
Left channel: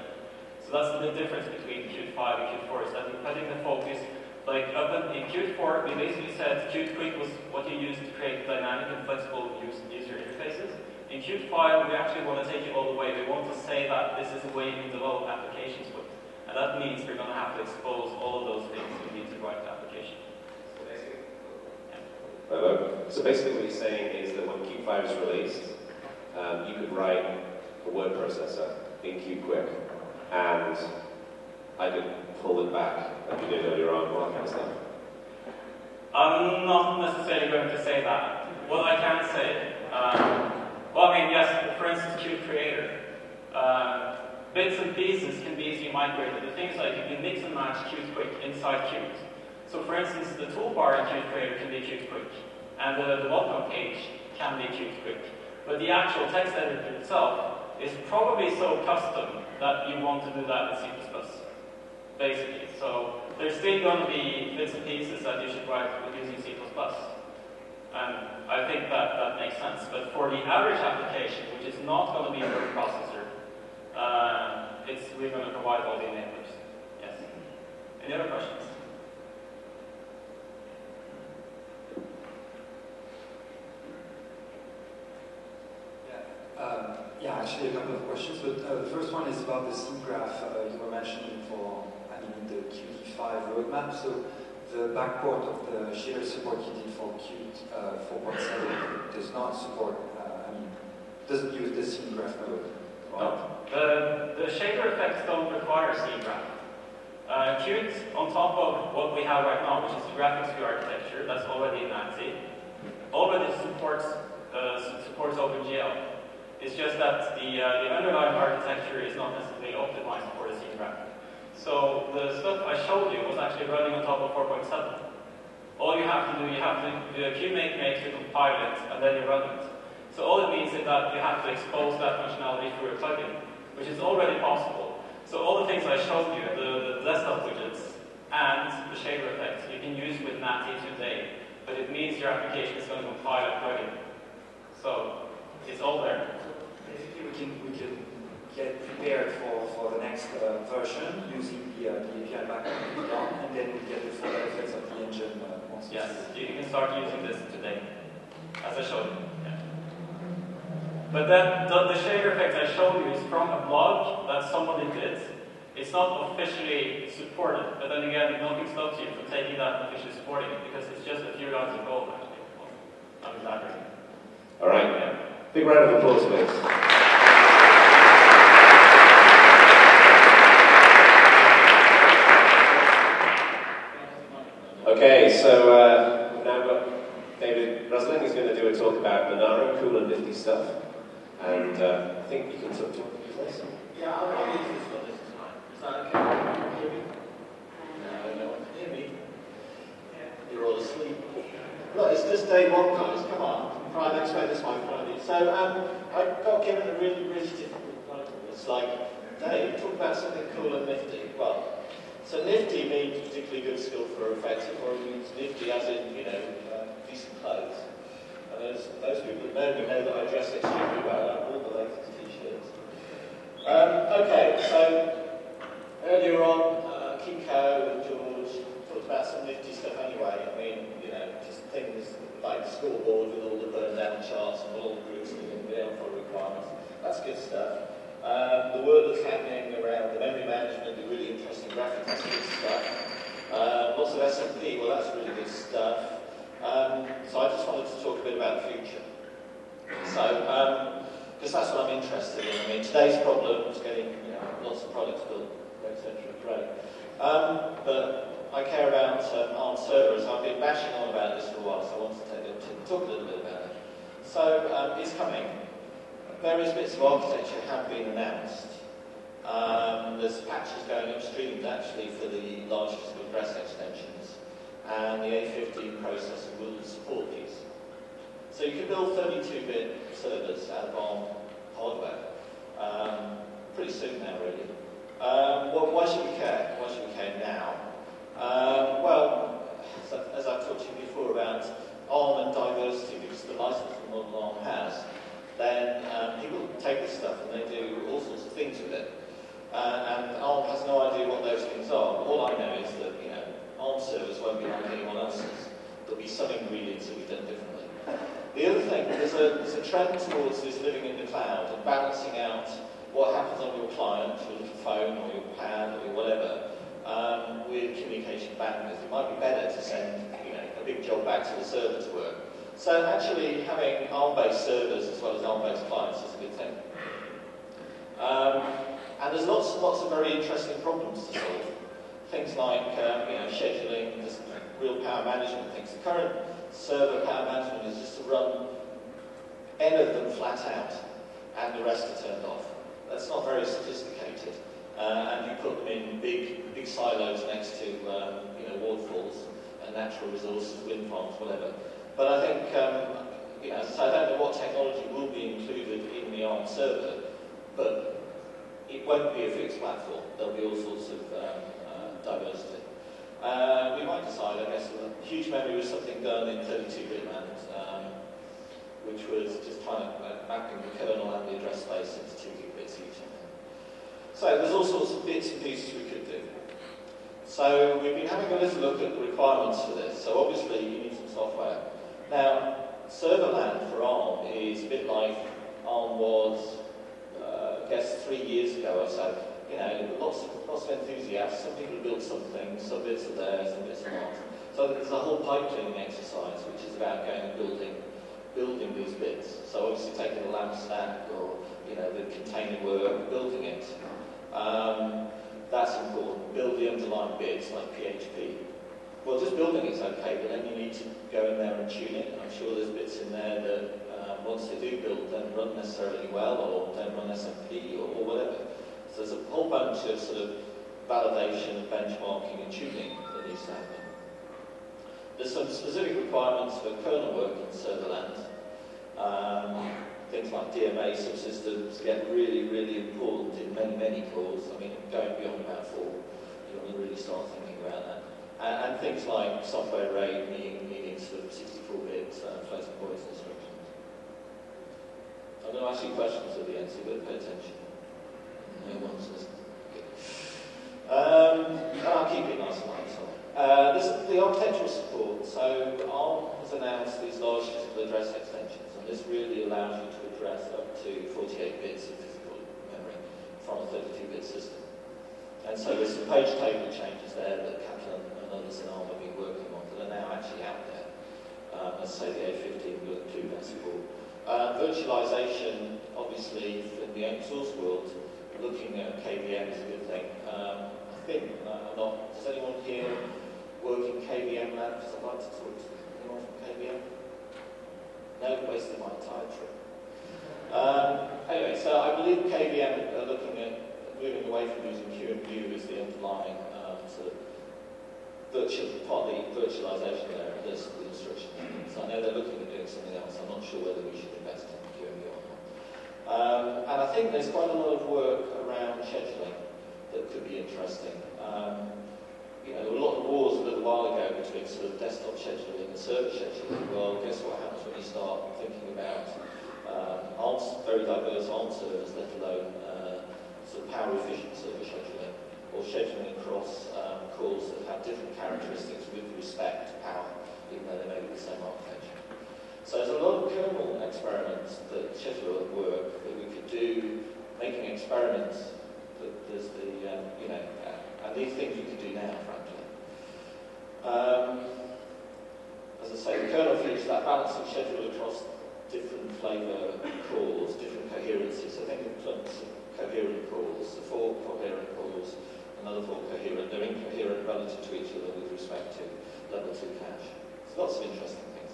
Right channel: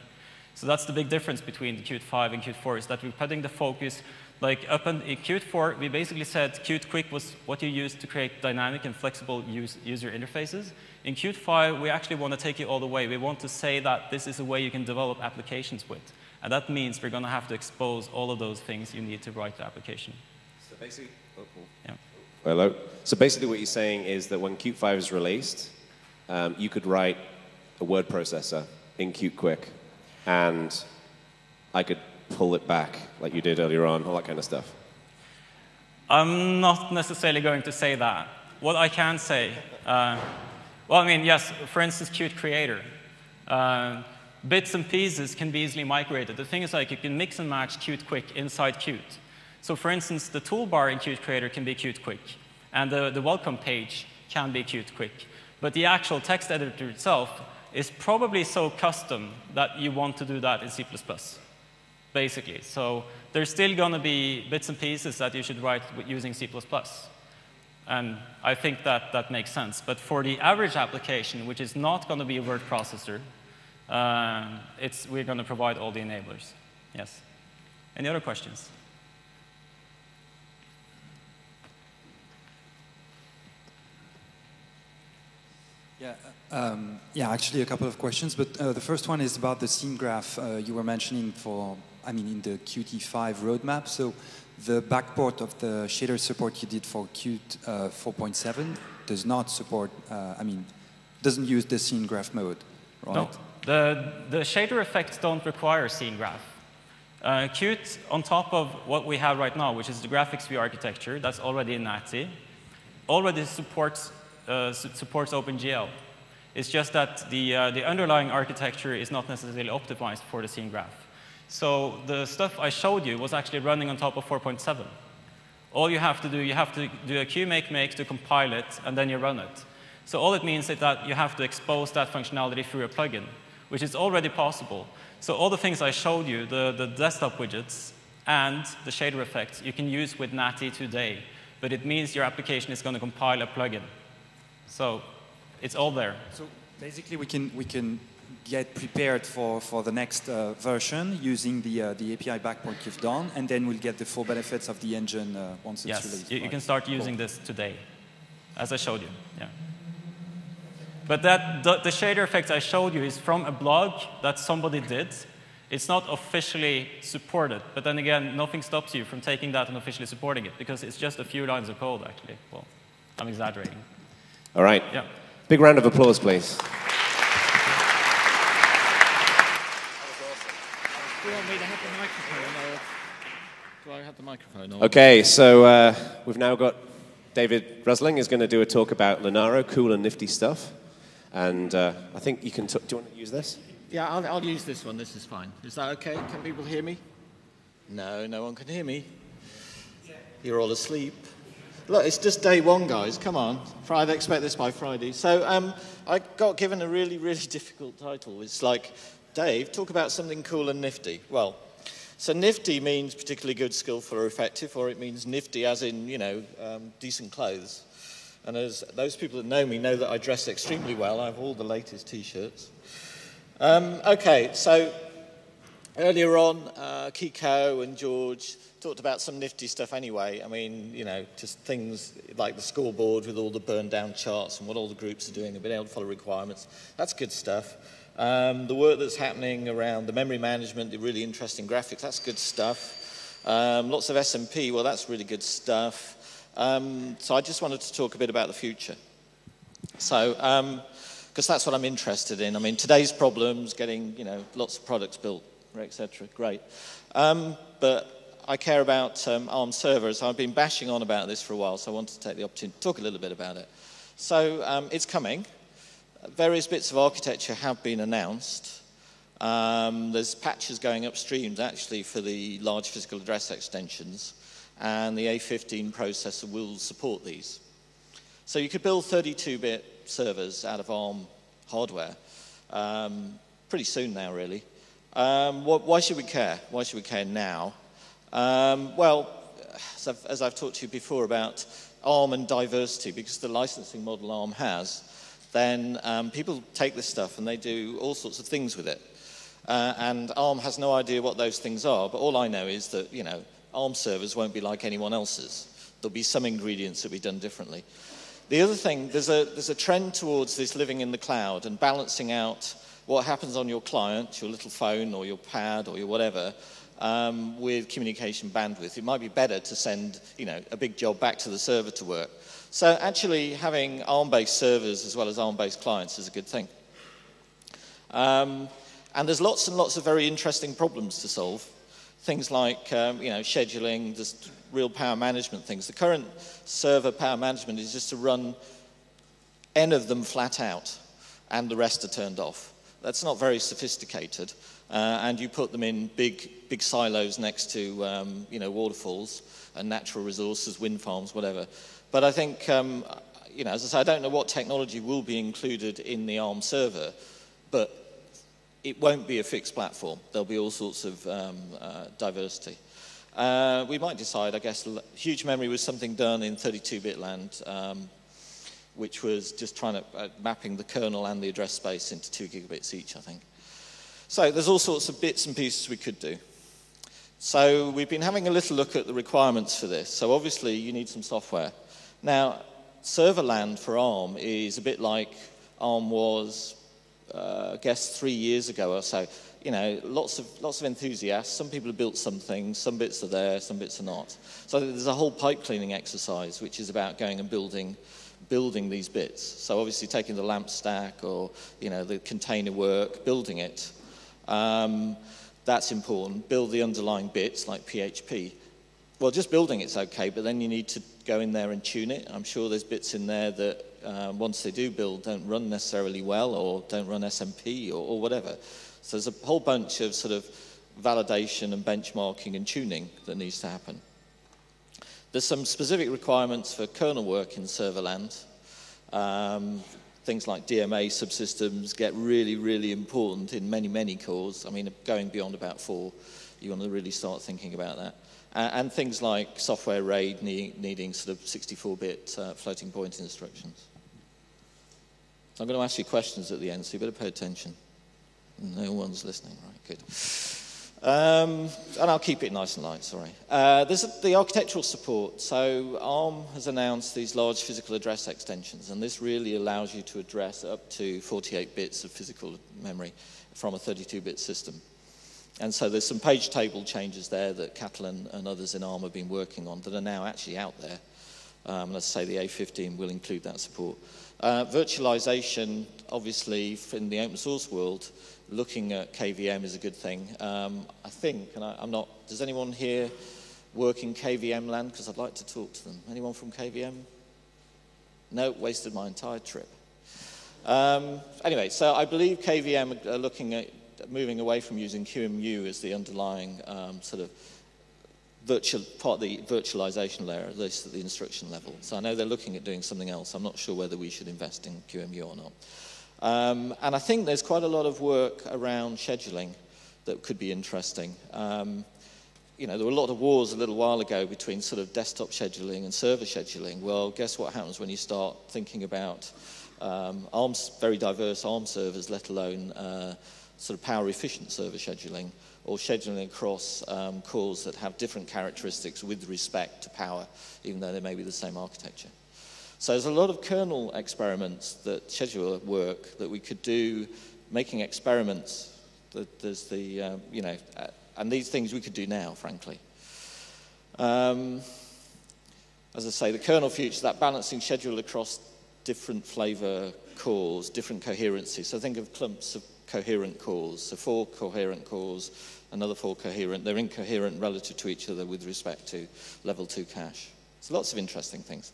So that's the big difference between the Qt 5 and Qt 4, is that we're putting the focus, like up in Qt 4, we basically said Qt Quick was what you use to create dynamic and flexible user interfaces. In Qt 5, we actually want to take it all the way. We want to say that this is a way you can develop applications with. And that means we're going to have to expose all of those things you need to write the application. So basically, hello. So basically what you're saying is that when Qt 5 is released, you could write a word processor in Qt Quick, and I could pull it back like you did earlier on, all that kind of stuff. I'm not necessarily going to say that. What I can say, well, I mean, yes, for instance, Qt Creator. Bits and pieces can be easily migrated. The thing is, like, you can mix and match Qt Quick inside Qt. So for instance, the toolbar in Qt Creator can be Qt Quick, and the welcome page can be Qt Quick. But the actual text editor itself is probably so custom that you want to do that in C++, basically. So there's still going to be bits and pieces that you should write using C++. And I think that that makes sense. But for the average application, which is not going to be a word processor, we're going to provide all the enablers. Yes. Any other questions? Yeah, actually a couple of questions, but the first one is about the scene graph you were mentioning in the Qt5 roadmap. So the backport of the shader support you did for Qt 4.7 does not support, doesn't use the scene graph mode, right? No, the shader effects don't require scene graph. Qt, on top of what we have right now, which is the graphics view architecture, that's already in NATI, already supports OpenGL. It's just that the underlying architecture is not necessarily optimized for the scene graph. So the stuff I showed you was actually running on top of 4.7. All you have to do a qmake to compile it, and then you run it. So all it means is that you have to expose that functionality through a plugin, which is already possible. So all the things I showed you, the desktop widgets and the shader effects, you can use with NATI today. But it means your application is going to compile a plugin. So it's all there. So basically, we can get prepared for the next version using the API backport you've done, and then we'll get the full benefits of the engine once it's released. Yes, you can start using this today, as I showed you. Yeah. But the shader effects I showed you is from a blog that somebody did. It's not officially supported, but then again, nothing stops you from taking that and officially supporting it, because it's just a few lines of code, actually. Well, I'm exaggerating. All right. Yeah. Big round of applause, please. Okay, so we've now got David Rusling is going to do a talk about Linaro, cool and nifty stuff. And I think you can do you want to use this? Yeah, I'll use this one. This is fine. Is that okay? Can people hear me? No one can hear me. You're all asleep. Look, it's just day one, guys. Come on. Friday, expect this by Friday. So I got given a really, really difficult title. It's like, Dave, talk about something cool and nifty. Well, so nifty means particularly good, skillful, or effective, or it means nifty as in, decent clothes. And as those people that know me know that I dress extremely well. I have all the latest T-shirts. Okay, so earlier on, Kiko and George talked about some nifty stuff anyway. I mean, just things like the scoreboard with all the burned down charts and what all the groups are doing, being able to follow requirements. That's good stuff. The work that's happening around the memory management, the really interesting graphics, that's good stuff. Lots of SMP, well, that's really good stuff. So I just wanted to talk a bit about the future. So, because that's what I'm interested in. I mean, today's problems, getting, lots of products built, etc., great. But I care about ARM servers. I've been bashing on about this for a while, so I wanted to take the opportunity to talk a little bit about it. So it's coming. Various bits of architecture have been announced. There's patches going upstream, actually, for the large physical address extensions, and the A15 processor will support these. So you could build 32-bit servers out of ARM hardware. pretty soon now, really. Why should we care? Why should we care now? Well, as I've talked to you before about ARM and diversity, because the licensing model ARM has, then people take this stuff and they do all sorts of things with it. And ARM has no idea what those things are, but all I know is that, you know, ARM servers won't be like anyone else's. There'll be some ingredients that will be done differently. The other thing, there's a trend towards this living in the cloud and balancing out what happens on your client, your little phone or your pad or your whatever, with communication bandwidth. It might be better to send, you know, a big job back to the server to work. So actually having ARM-based servers as well as ARM-based clients is a good thing. And there's lots and lots of very interesting problems to solve. Things like, you know, scheduling, just real power management things. The current server power management is just to run N of them flat out, and the rest are turned off. That's not very sophisticated, and you put them in big silos next to, you know, waterfalls and natural resources, wind farms, whatever. But I think, you know, as I say, I don't know what technology will be included in the ARM server, but it won't be a fixed platform. There'll be all sorts of diversity. We might decide, I guess, huge memory was something done in 32-bit land, which was just trying to mapping the kernel and the address space into 2 gigabits each, I think. So there's all sorts of bits and pieces we could do. So we've been having a little look at the requirements for this. So obviously you need some software. Now, server land for ARM is a bit like ARM was, I guess, 3 years ago or so. You know, lots of enthusiasts. Some people have built some things, some bits are there, some bits are not. So there's a whole pipe cleaning exercise which is about going and building these bits. So obviously taking the lamp stack or, you know, the container work, building it. That's important. Build the underlying bits like PHP. Well, just building it's okay, but then you need to go in there and tune it. I'm sure there's bits in there that once they do build don't run necessarily well or don't run SMP or whatever. So there's a whole bunch of sort of validation and benchmarking and tuning that needs to happen. There's some specific requirements for kernel work in server land. Things like DMA subsystems get really, really important in many, many cores. I mean, going beyond about 4, you want to really start thinking about that. And things like software RAID needing sort of 64-bit floating point instructions. I'm going to ask you questions at the end, so you better pay attention. No one's listening. Good. And I'll keep it nice and light, sorry. There's the architectural support. So ARM has announced these large physical address extensions, and this really allows you to address up to 48 bits of physical memory from a 32-bit system. And so there's some page table changes there that Catalan and others in ARM have been working on that are now actually out there. Let's say the A15 will include that support. Virtualization, obviously, in the open source world, looking at KVM is a good thing. I think, and I'm not, does anyone here work in KVM land? Because I'd like to talk to them. Anyone from KVM? No, wasted my entire trip. Anyway, so I believe KVM are looking at moving away from using QEMU as the underlying sort of part of the virtualization layer, at least at the instruction level. So I know they're looking at doing something else. I'm not sure whether we should invest in QEMU or not. And I think there's quite a lot of work around scheduling that could be interesting. You know, there were a lot of wars a little while ago between sort of desktop scheduling and server scheduling. Well, guess what happens when you start thinking about very diverse ARM servers, let alone sort of power-efficient server scheduling, or scheduling across cores that have different characteristics with respect to power, even though they may be the same architecture. So there's a lot of kernel experiments that schedule work that we could do, making experiments. There's the, you know, and these things we could do now, frankly. As I say, the kernel future, that balancing schedule across different flavor cores, different coherency. So think of clumps of coherent cores, so 4 coherent cores, another 4 coherent. They're incoherent relative to each other with respect to level 2 cache. So lots of interesting things.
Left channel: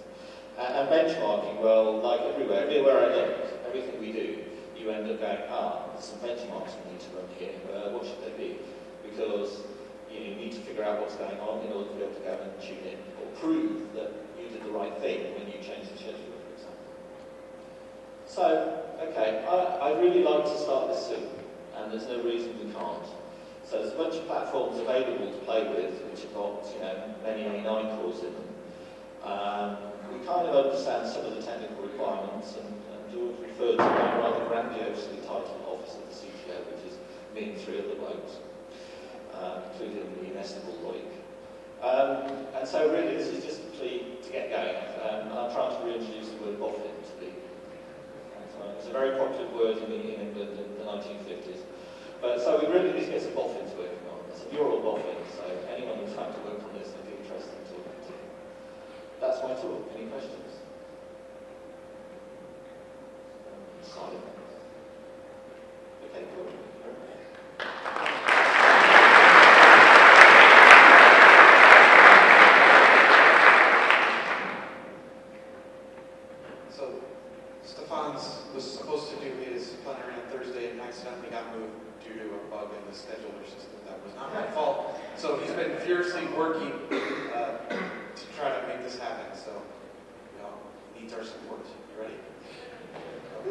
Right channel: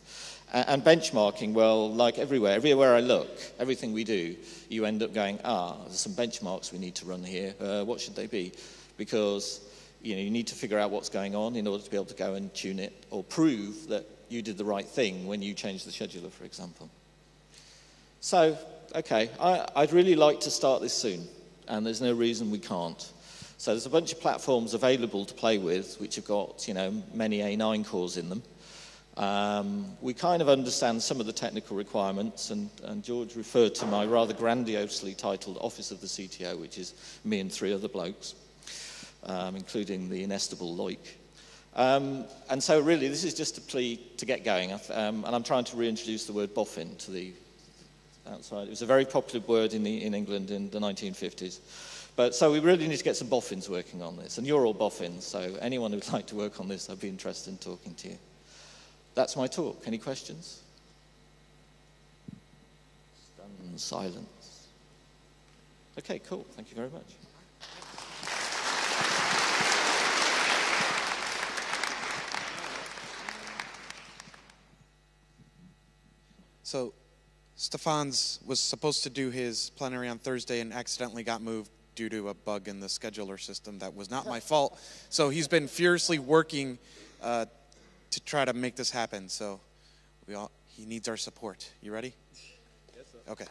And benchmarking, well, like everywhere I look, everything we do, you end up going, there's some benchmarks we need to run here. What should they be? Because you need to figure out what's going on in order to be able to go and tune it or prove that you did the right thing when you changed the scheduler, for example. So, okay, I'd really like to start this soon. and there's no reason we can't. So there's a bunch of platforms available to play with, which have got, many A9 cores in them. We kind of understand some of the technical requirements, and George referred to my rather grandiosely titled Office of the CTO, which is me and 3 other blokes, including the inestimable Loic. And so really this is just a plea to get going, and I'm trying to reintroduce the word boffin to the... It was a very popular word in England in the 1950s. But so we really need to get some boffins working on this, and you're all boffins, so anyone who'd like to work on this, I'd be interested in talking to you. That's my talk. Any questions? Silence. Okay, cool. Thank you very much. So, Stefan's was supposed to do his plenary on Thursday and accidentally got moved due to a bug in the scheduler system. That was not my fault. So he's been furiously working to try to make this happen. So he needs our support. You ready? Okay.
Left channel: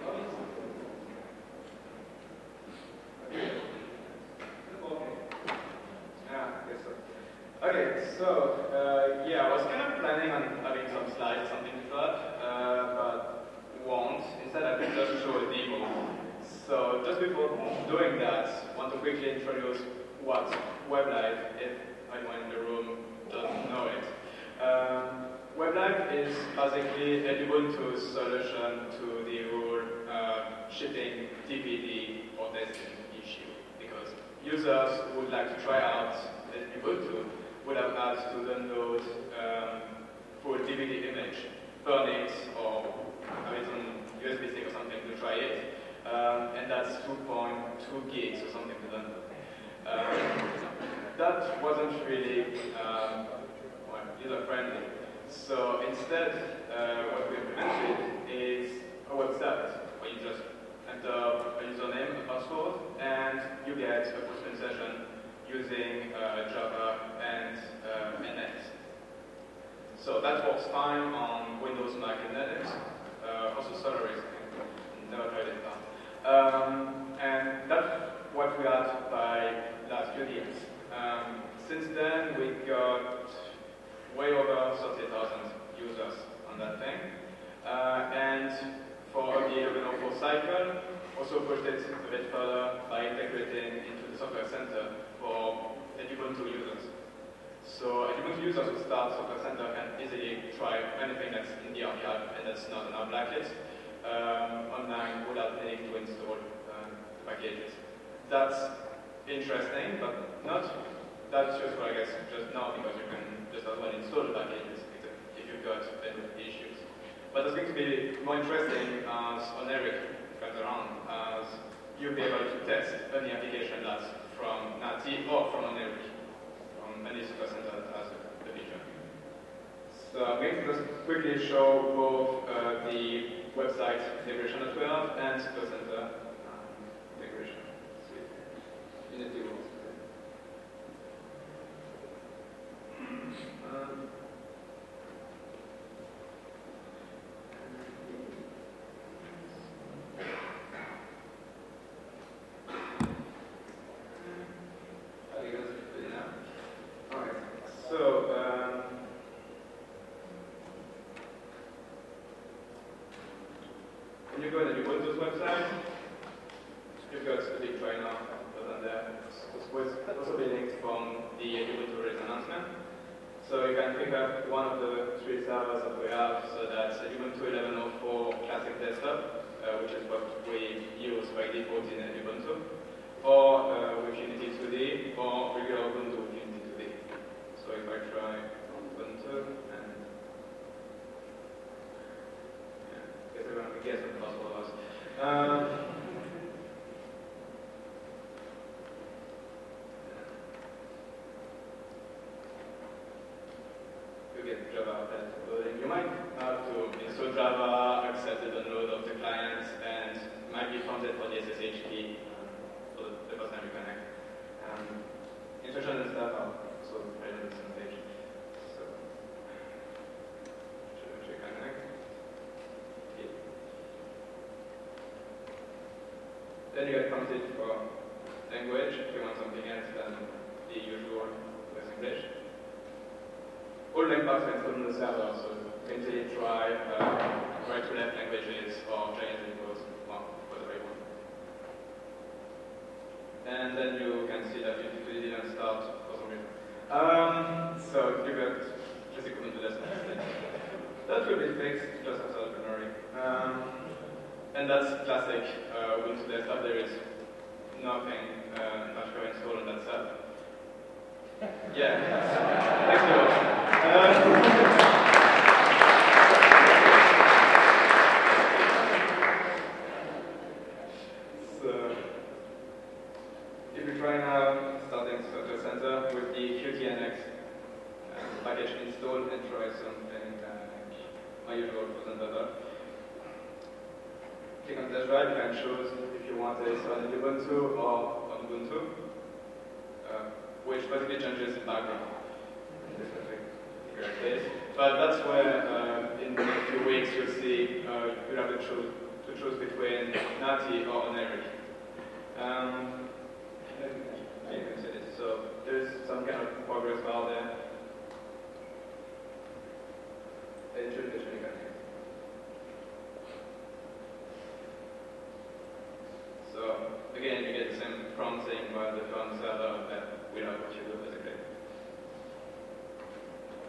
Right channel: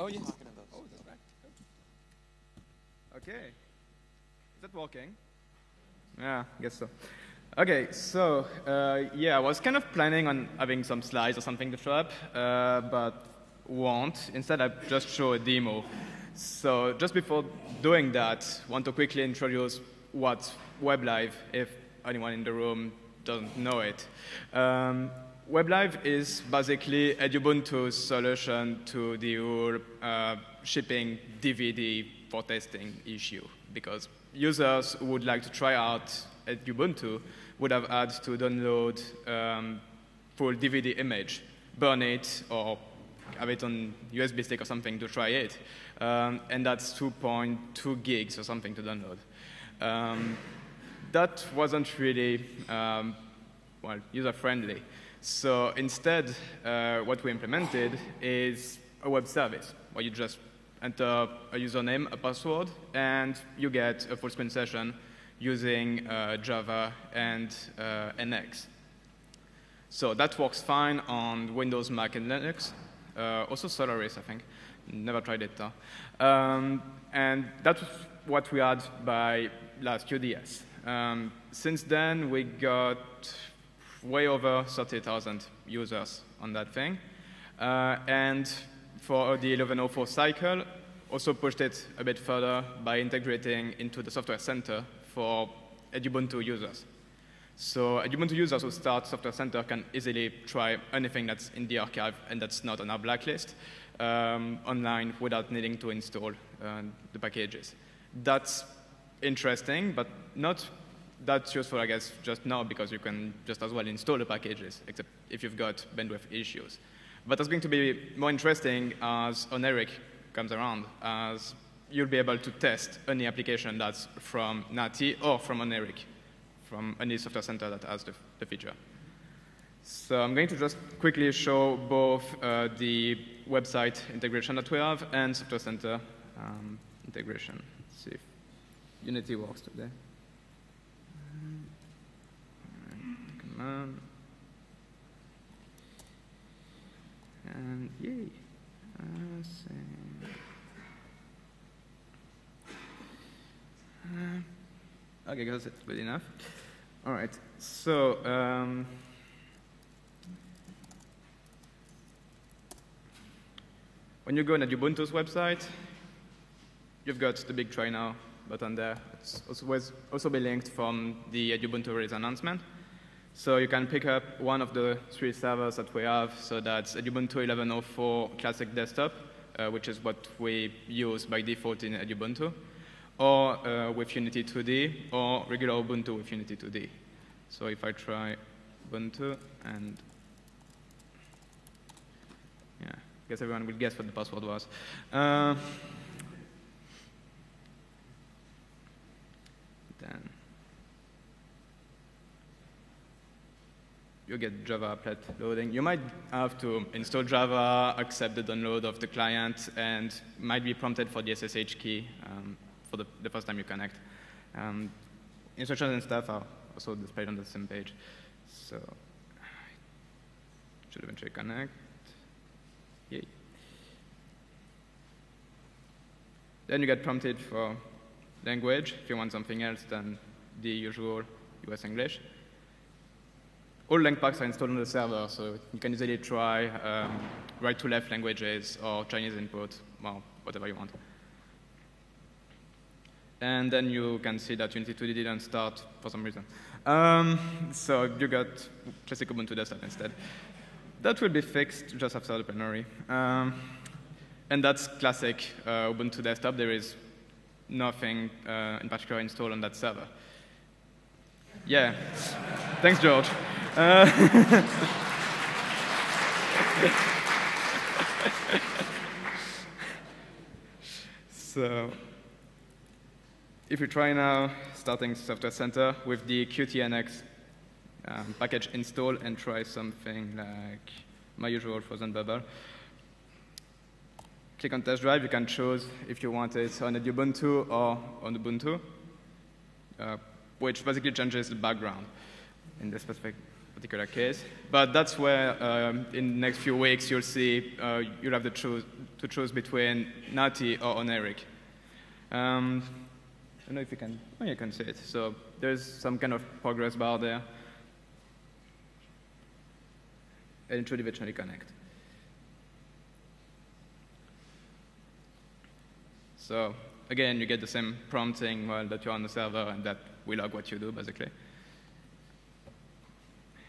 Oh, yes. Yeah, I guess so. Okay, so yeah, I was kind of planning on having some slides or something to show up, but won't. Instead, I just show a demo. So just before doing that, I want to quickly introduce what's Weblive, if anyone in the room doesn't know it. Weblive is basically a Ubuntu solution to the whole shipping DVD for testing issue, because users who would like to try out at Ubuntu would have had to download full DVD image, burn it, or have it on USB stick or something to try it. And that's 2.2 gigs or something to download. That wasn't really user-friendly. So instead, what we implemented is a website where you just enter a username, a password, and you get a full screen session using Java and NX. So that works fine on Windows, Mac, and Linux. Also Solaris, I think. Never tried it though. And that's what we had by last UDS. Since then, we got way over 30,000 users on that thing. And for the 1104 cycle, also pushed it a bit further by integrating into the software center for Ubuntu users. So Ubuntu users who start Software Center can easily try anything that's in the archive and that's not on our blacklist online without needing to install the packages. That's interesting, but not that useful, I guess, just now, because you can just as well install the packages, except if you've got bandwidth issues. But that's going to be more interesting as Oneric comes around, as you'll be able to test any application that's from NATI or from Oneric, from any software center that has the feature. So I'm going to just quickly show both the website integration that we have and software center integration. Let's see if Unity works today. Okay, guys, that's good enough. All right, so when you go on the Ubuntu's website, you've got the big try now button there. It's also be linked from the Ubuntu release announcement. So you can pick up one of the 3 servers that we have. So that's Ubuntu 1104 Classic Desktop, which is what we use by default in Ubuntu, or with Unity 2D, or regular Ubuntu with Unity 2D. So if I try Ubuntu, and yeah, I guess everyone will guess what the password was. You get Java pet loading. You might have to install Java, accept the download of the client, and might be prompted for the SSH key for the first time you connect. Instructions and stuff are also displayed on the same page. So, should eventually connect. Yeah. Then you get prompted for language. If you want something else than the usual US English. All lang packs are installed on the server, so you can easily try right to left languages or Chinese input, or whatever you want. And then you can see that Unity 2D didn't start for some reason. So you got classic Ubuntu UDS instead. That will be fixed just after the Plenary. And that's classic Ubuntu desktop. There is nothing in particular installed on that server. Yeah. Thanks, George. So, if you try now starting Software Center with the QTNX package installed and try something like my usual frozen bubble, click on test drive. You can choose if you want it on Ubuntu or on Ubuntu, which basically changes the background in this particular case. But that's where, in the next few weeks, you'll see you'll have to choose between Natty or on Eric. I don't know if you can. Oh, you can see it. So there's some kind of progress bar there, and it should eventually connect. So again, you get the same prompting that you're on the server and that we log what you do, basically.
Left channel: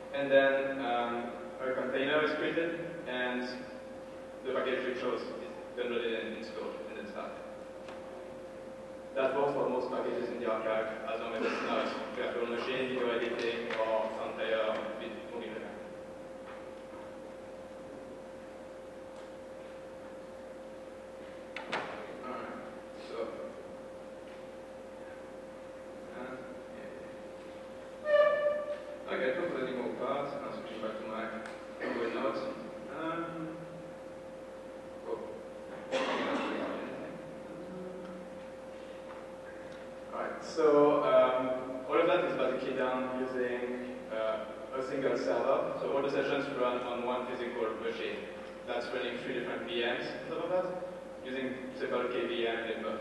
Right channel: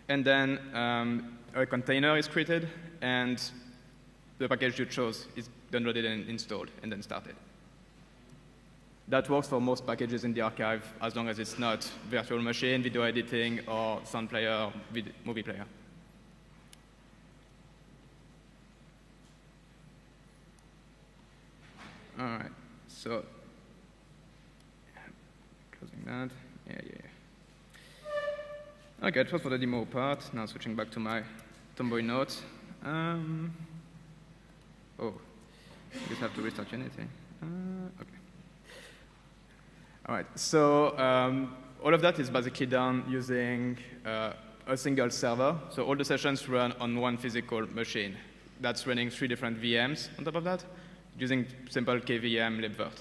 And then a container is created, and the package you chose is downloaded and installed, and then started. That works for most packages in the archive, as long as it's not virtual machine, video editing, or sound player, movie player. All right, so okay, it was for the demo part. Now switching back to my Tomboy notes. Oh, I have to restart anything. All right, so all of that is basically done using a single server. So all the sessions run on one physical machine. That's running 3 different VMs on top of that, using simple KVM libvirt.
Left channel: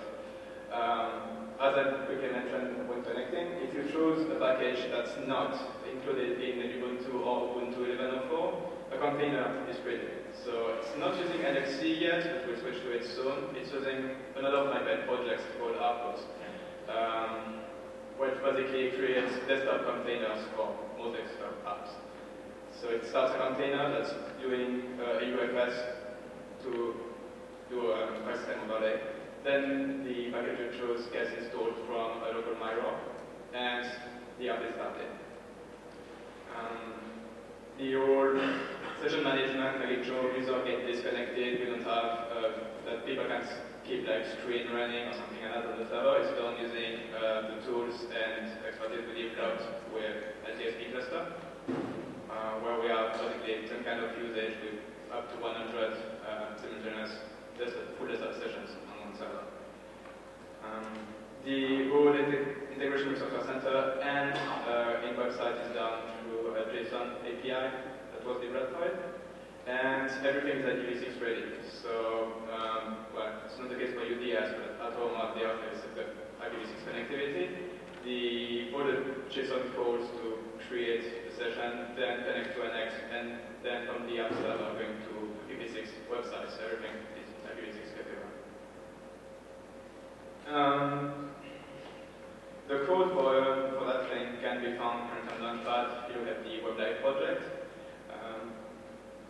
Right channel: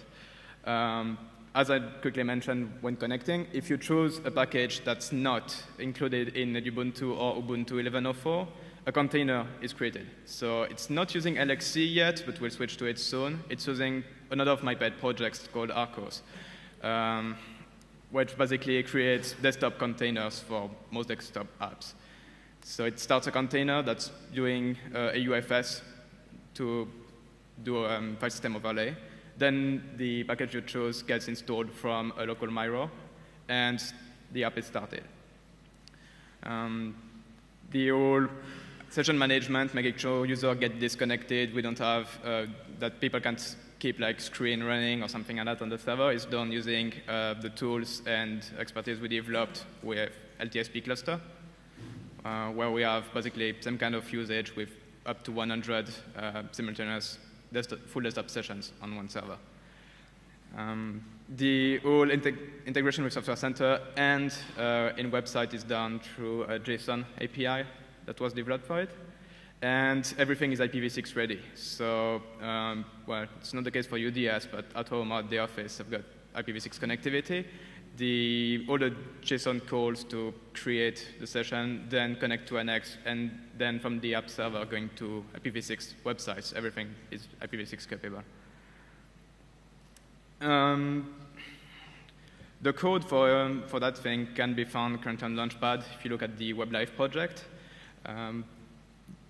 As I quickly mentioned when connecting, if you choose a package that's not included in Ubuntu or Ubuntu 11.04, a container is created. So it's not using LXC yet, but we'll switch to it soon. It's using another of my pet projects called Arcos, which basically creates desktop containers for most desktop apps. So it starts a container that's doing a UFS to do a file system overlay. Then the package you choose gets installed from a local Miro, and the app is started. The whole session management, making sure users get disconnected, we don't have that people can't keep like screen running or something like that on the server, is done using the tools and expertise we developed with LTSP cluster, where we have basically some kind of usage with up to 100 simultaneous full desktop sessions on one server. The whole integration with Software Center and in website is done through a JSON API that was developed for it. And everything is IPv6 ready. So, well, it's not the case for UDS, but at home at the office, I've got IPv6 connectivity. All the JSON calls to create the session, then connect to NX, and then from the app server going to IPv6 websites. Everything is IPv6 capable. The code for that thing can be found currently on Launchpad if you look at the Weblive project.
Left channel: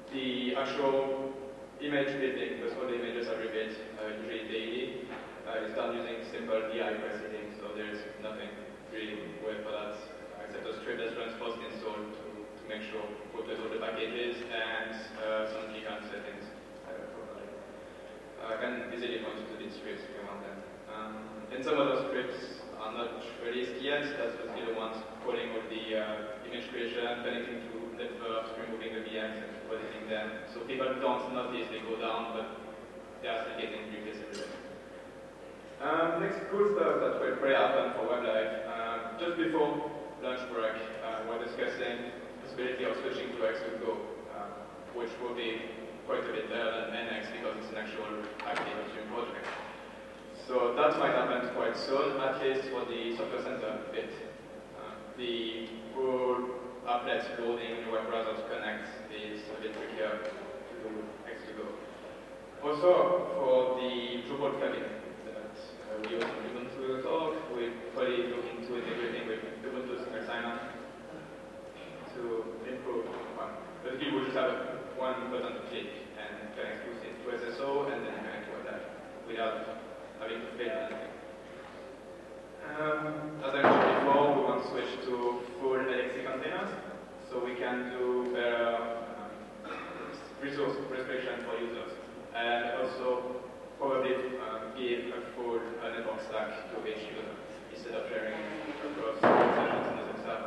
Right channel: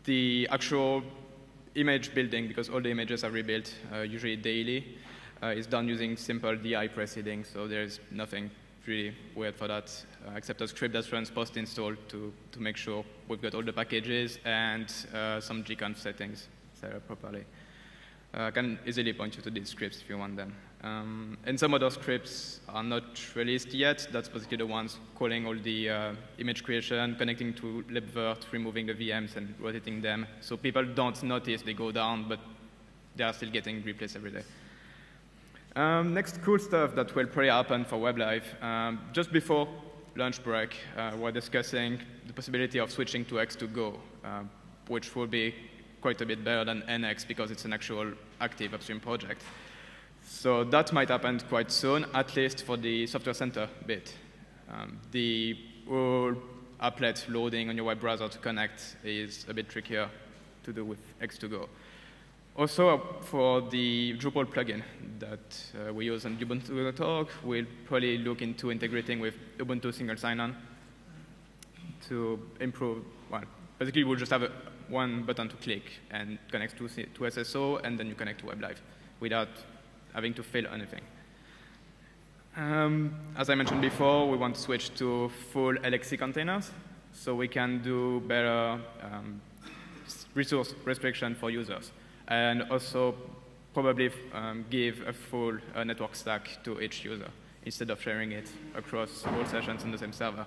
The actual image building, because all the images are rebuilt usually daily, is done using simple DI preceding, so there's nothing really weird for that, except a script that runs post-install to make sure we've got all the packages and some gconf settings set up properly. I can easily point you to these scripts if you want them. And some other scripts are not released yet. That's basically the ones calling all the image creation, connecting to libvirt, removing the VMs and rotating them. So people don't notice they go down, but they are still getting replaced every day. Next cool stuff that will probably happen for Weblive. Just before lunch break, we're discussing the possibility of switching to X2Go. which will be quite a bit better than NX because it's an actual active upstream project. So that might happen quite soon, at least for the software center bit. The whole applet loading on your web browser to connect is a bit trickier to do with X2Go. Also, for the Drupal plugin that we use in Ubuntu.org, we'll probably look into integrating with Ubuntu single sign-on to improve. Well, basically, we'll just have one button to click and connect to SSO, and then you connect to Weblive without having to fill anything. As I mentioned before, we want to switch to full LXC containers, so we can do better resource restriction for users, and also probably give a full network stack to each user instead of sharing it across sessions in the same server.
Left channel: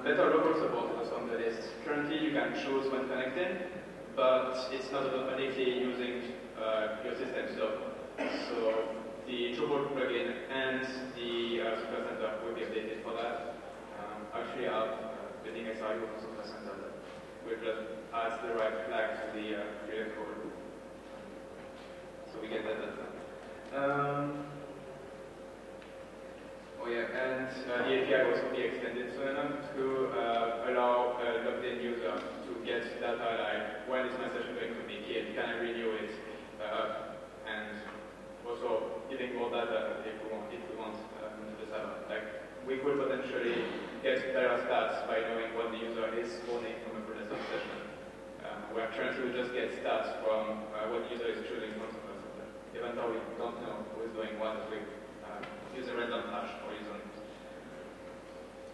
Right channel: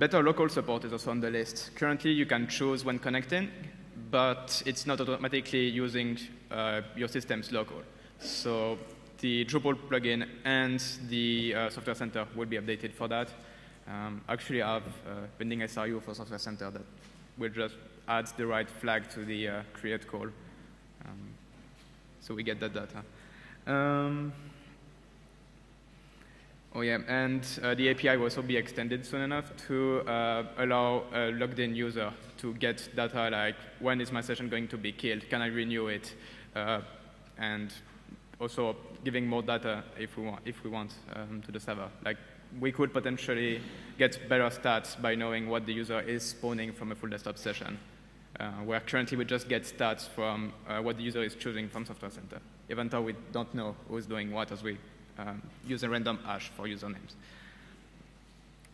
Better local support is also on the list. Currently, you can choose when connecting, but it's not automatically using your system's local. So the Drupal plugin and the Software Center will be updated for that. Actually, I have pending SRU for Software Center that will just add the right flag to the create call. So we get that data. Oh yeah, and the API will also be extended soon enough to allow a logged-in user to get data like, when is my session going to be killed? Can I renew it? And also giving more data if we want to the server. Like, we could potentially get better stats by knowing what the user is spawning from a full desktop session, where currently we just get stats from what the user is choosing from Software Center, even though we don't know who's doing what as we use a random hash for usernames.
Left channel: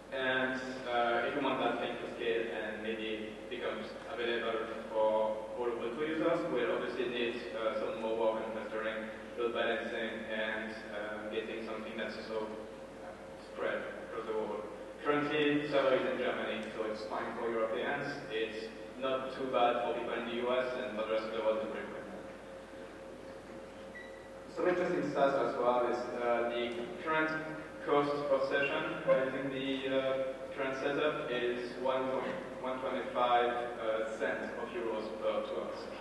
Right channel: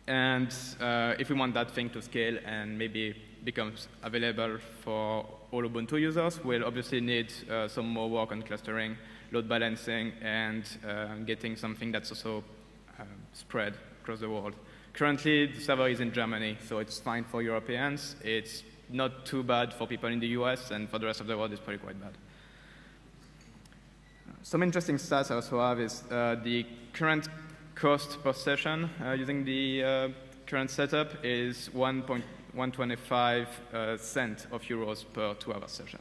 And if we want that thing to scale and maybe becomes available for all Ubuntu users, we'll obviously need some more work on clustering, load balancing, and getting something that's also spread across the world. Currently, the server is in Germany, so it's fine for Europeans. It's not too bad for people in the US, and for the rest of the world, it's pretty quite bad. Some interesting stats I also have is the current cost per session using the current setup is 1.125 cents of euros per 2-hour session.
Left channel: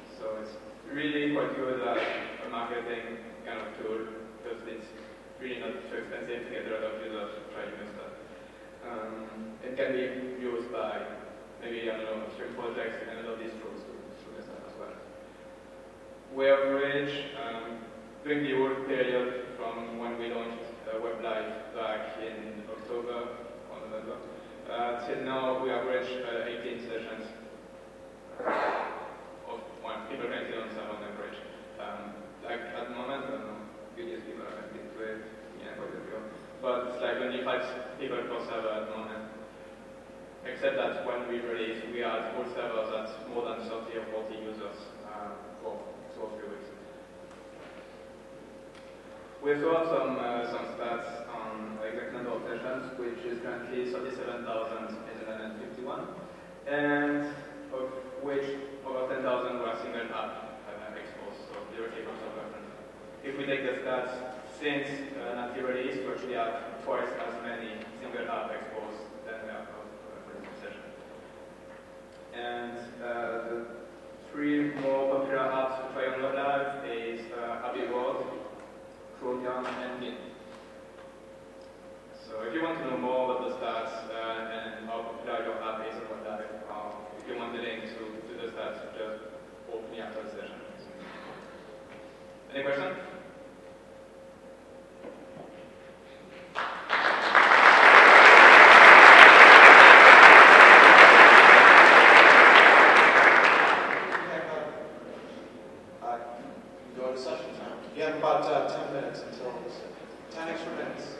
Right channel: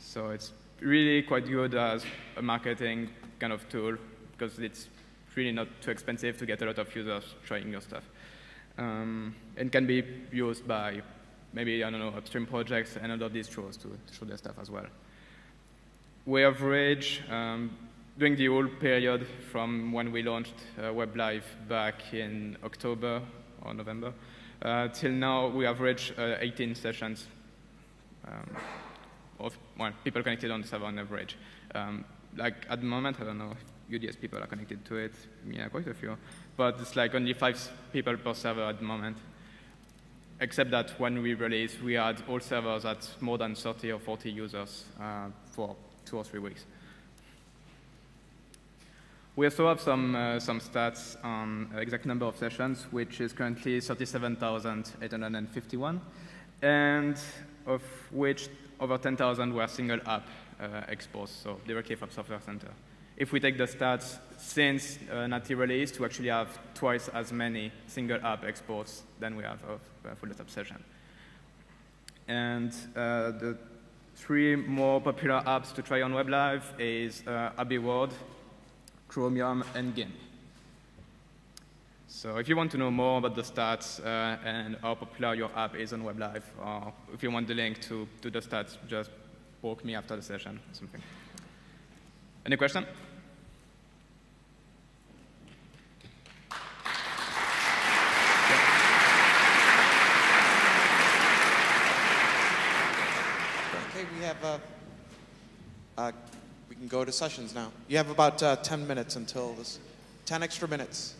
So it's really quite good as a marketing kind of tool because it's really not too expensive to get a lot of users trying your stuff. And can be used by maybe, I don't know, stream projects and other distros to show their stuff as well. We average, during the whole period from when we launched Weblive back in October or November, till now we average 18 sessions of people connected on the server on average. Like at the moment, I don't know, UDS people are connected to it, yeah, quite a few, but it's like only 5 people per server at the moment. Except that when we release, we had all servers at more than 30 or 40 users for 2 or 3 weeks. We also have some stats on exact number of sessions, which is currently 37,851, and of which over 10,000 were single app exports, so directly from Software Center. If we take the stats since Nifty release, we actually have twice as many single app exports than we have of full desktop session. And the 3 more popular apps to try on Weblive is Abbey Word, Chromium, and Gimp. So if you want to know more about the stats and how popular your app is on Weblive, or if you want the link to the stats, just walk me after the session or something. Any question? We can go to sessions now. You have about 10 minutes until this. 10 extra minutes.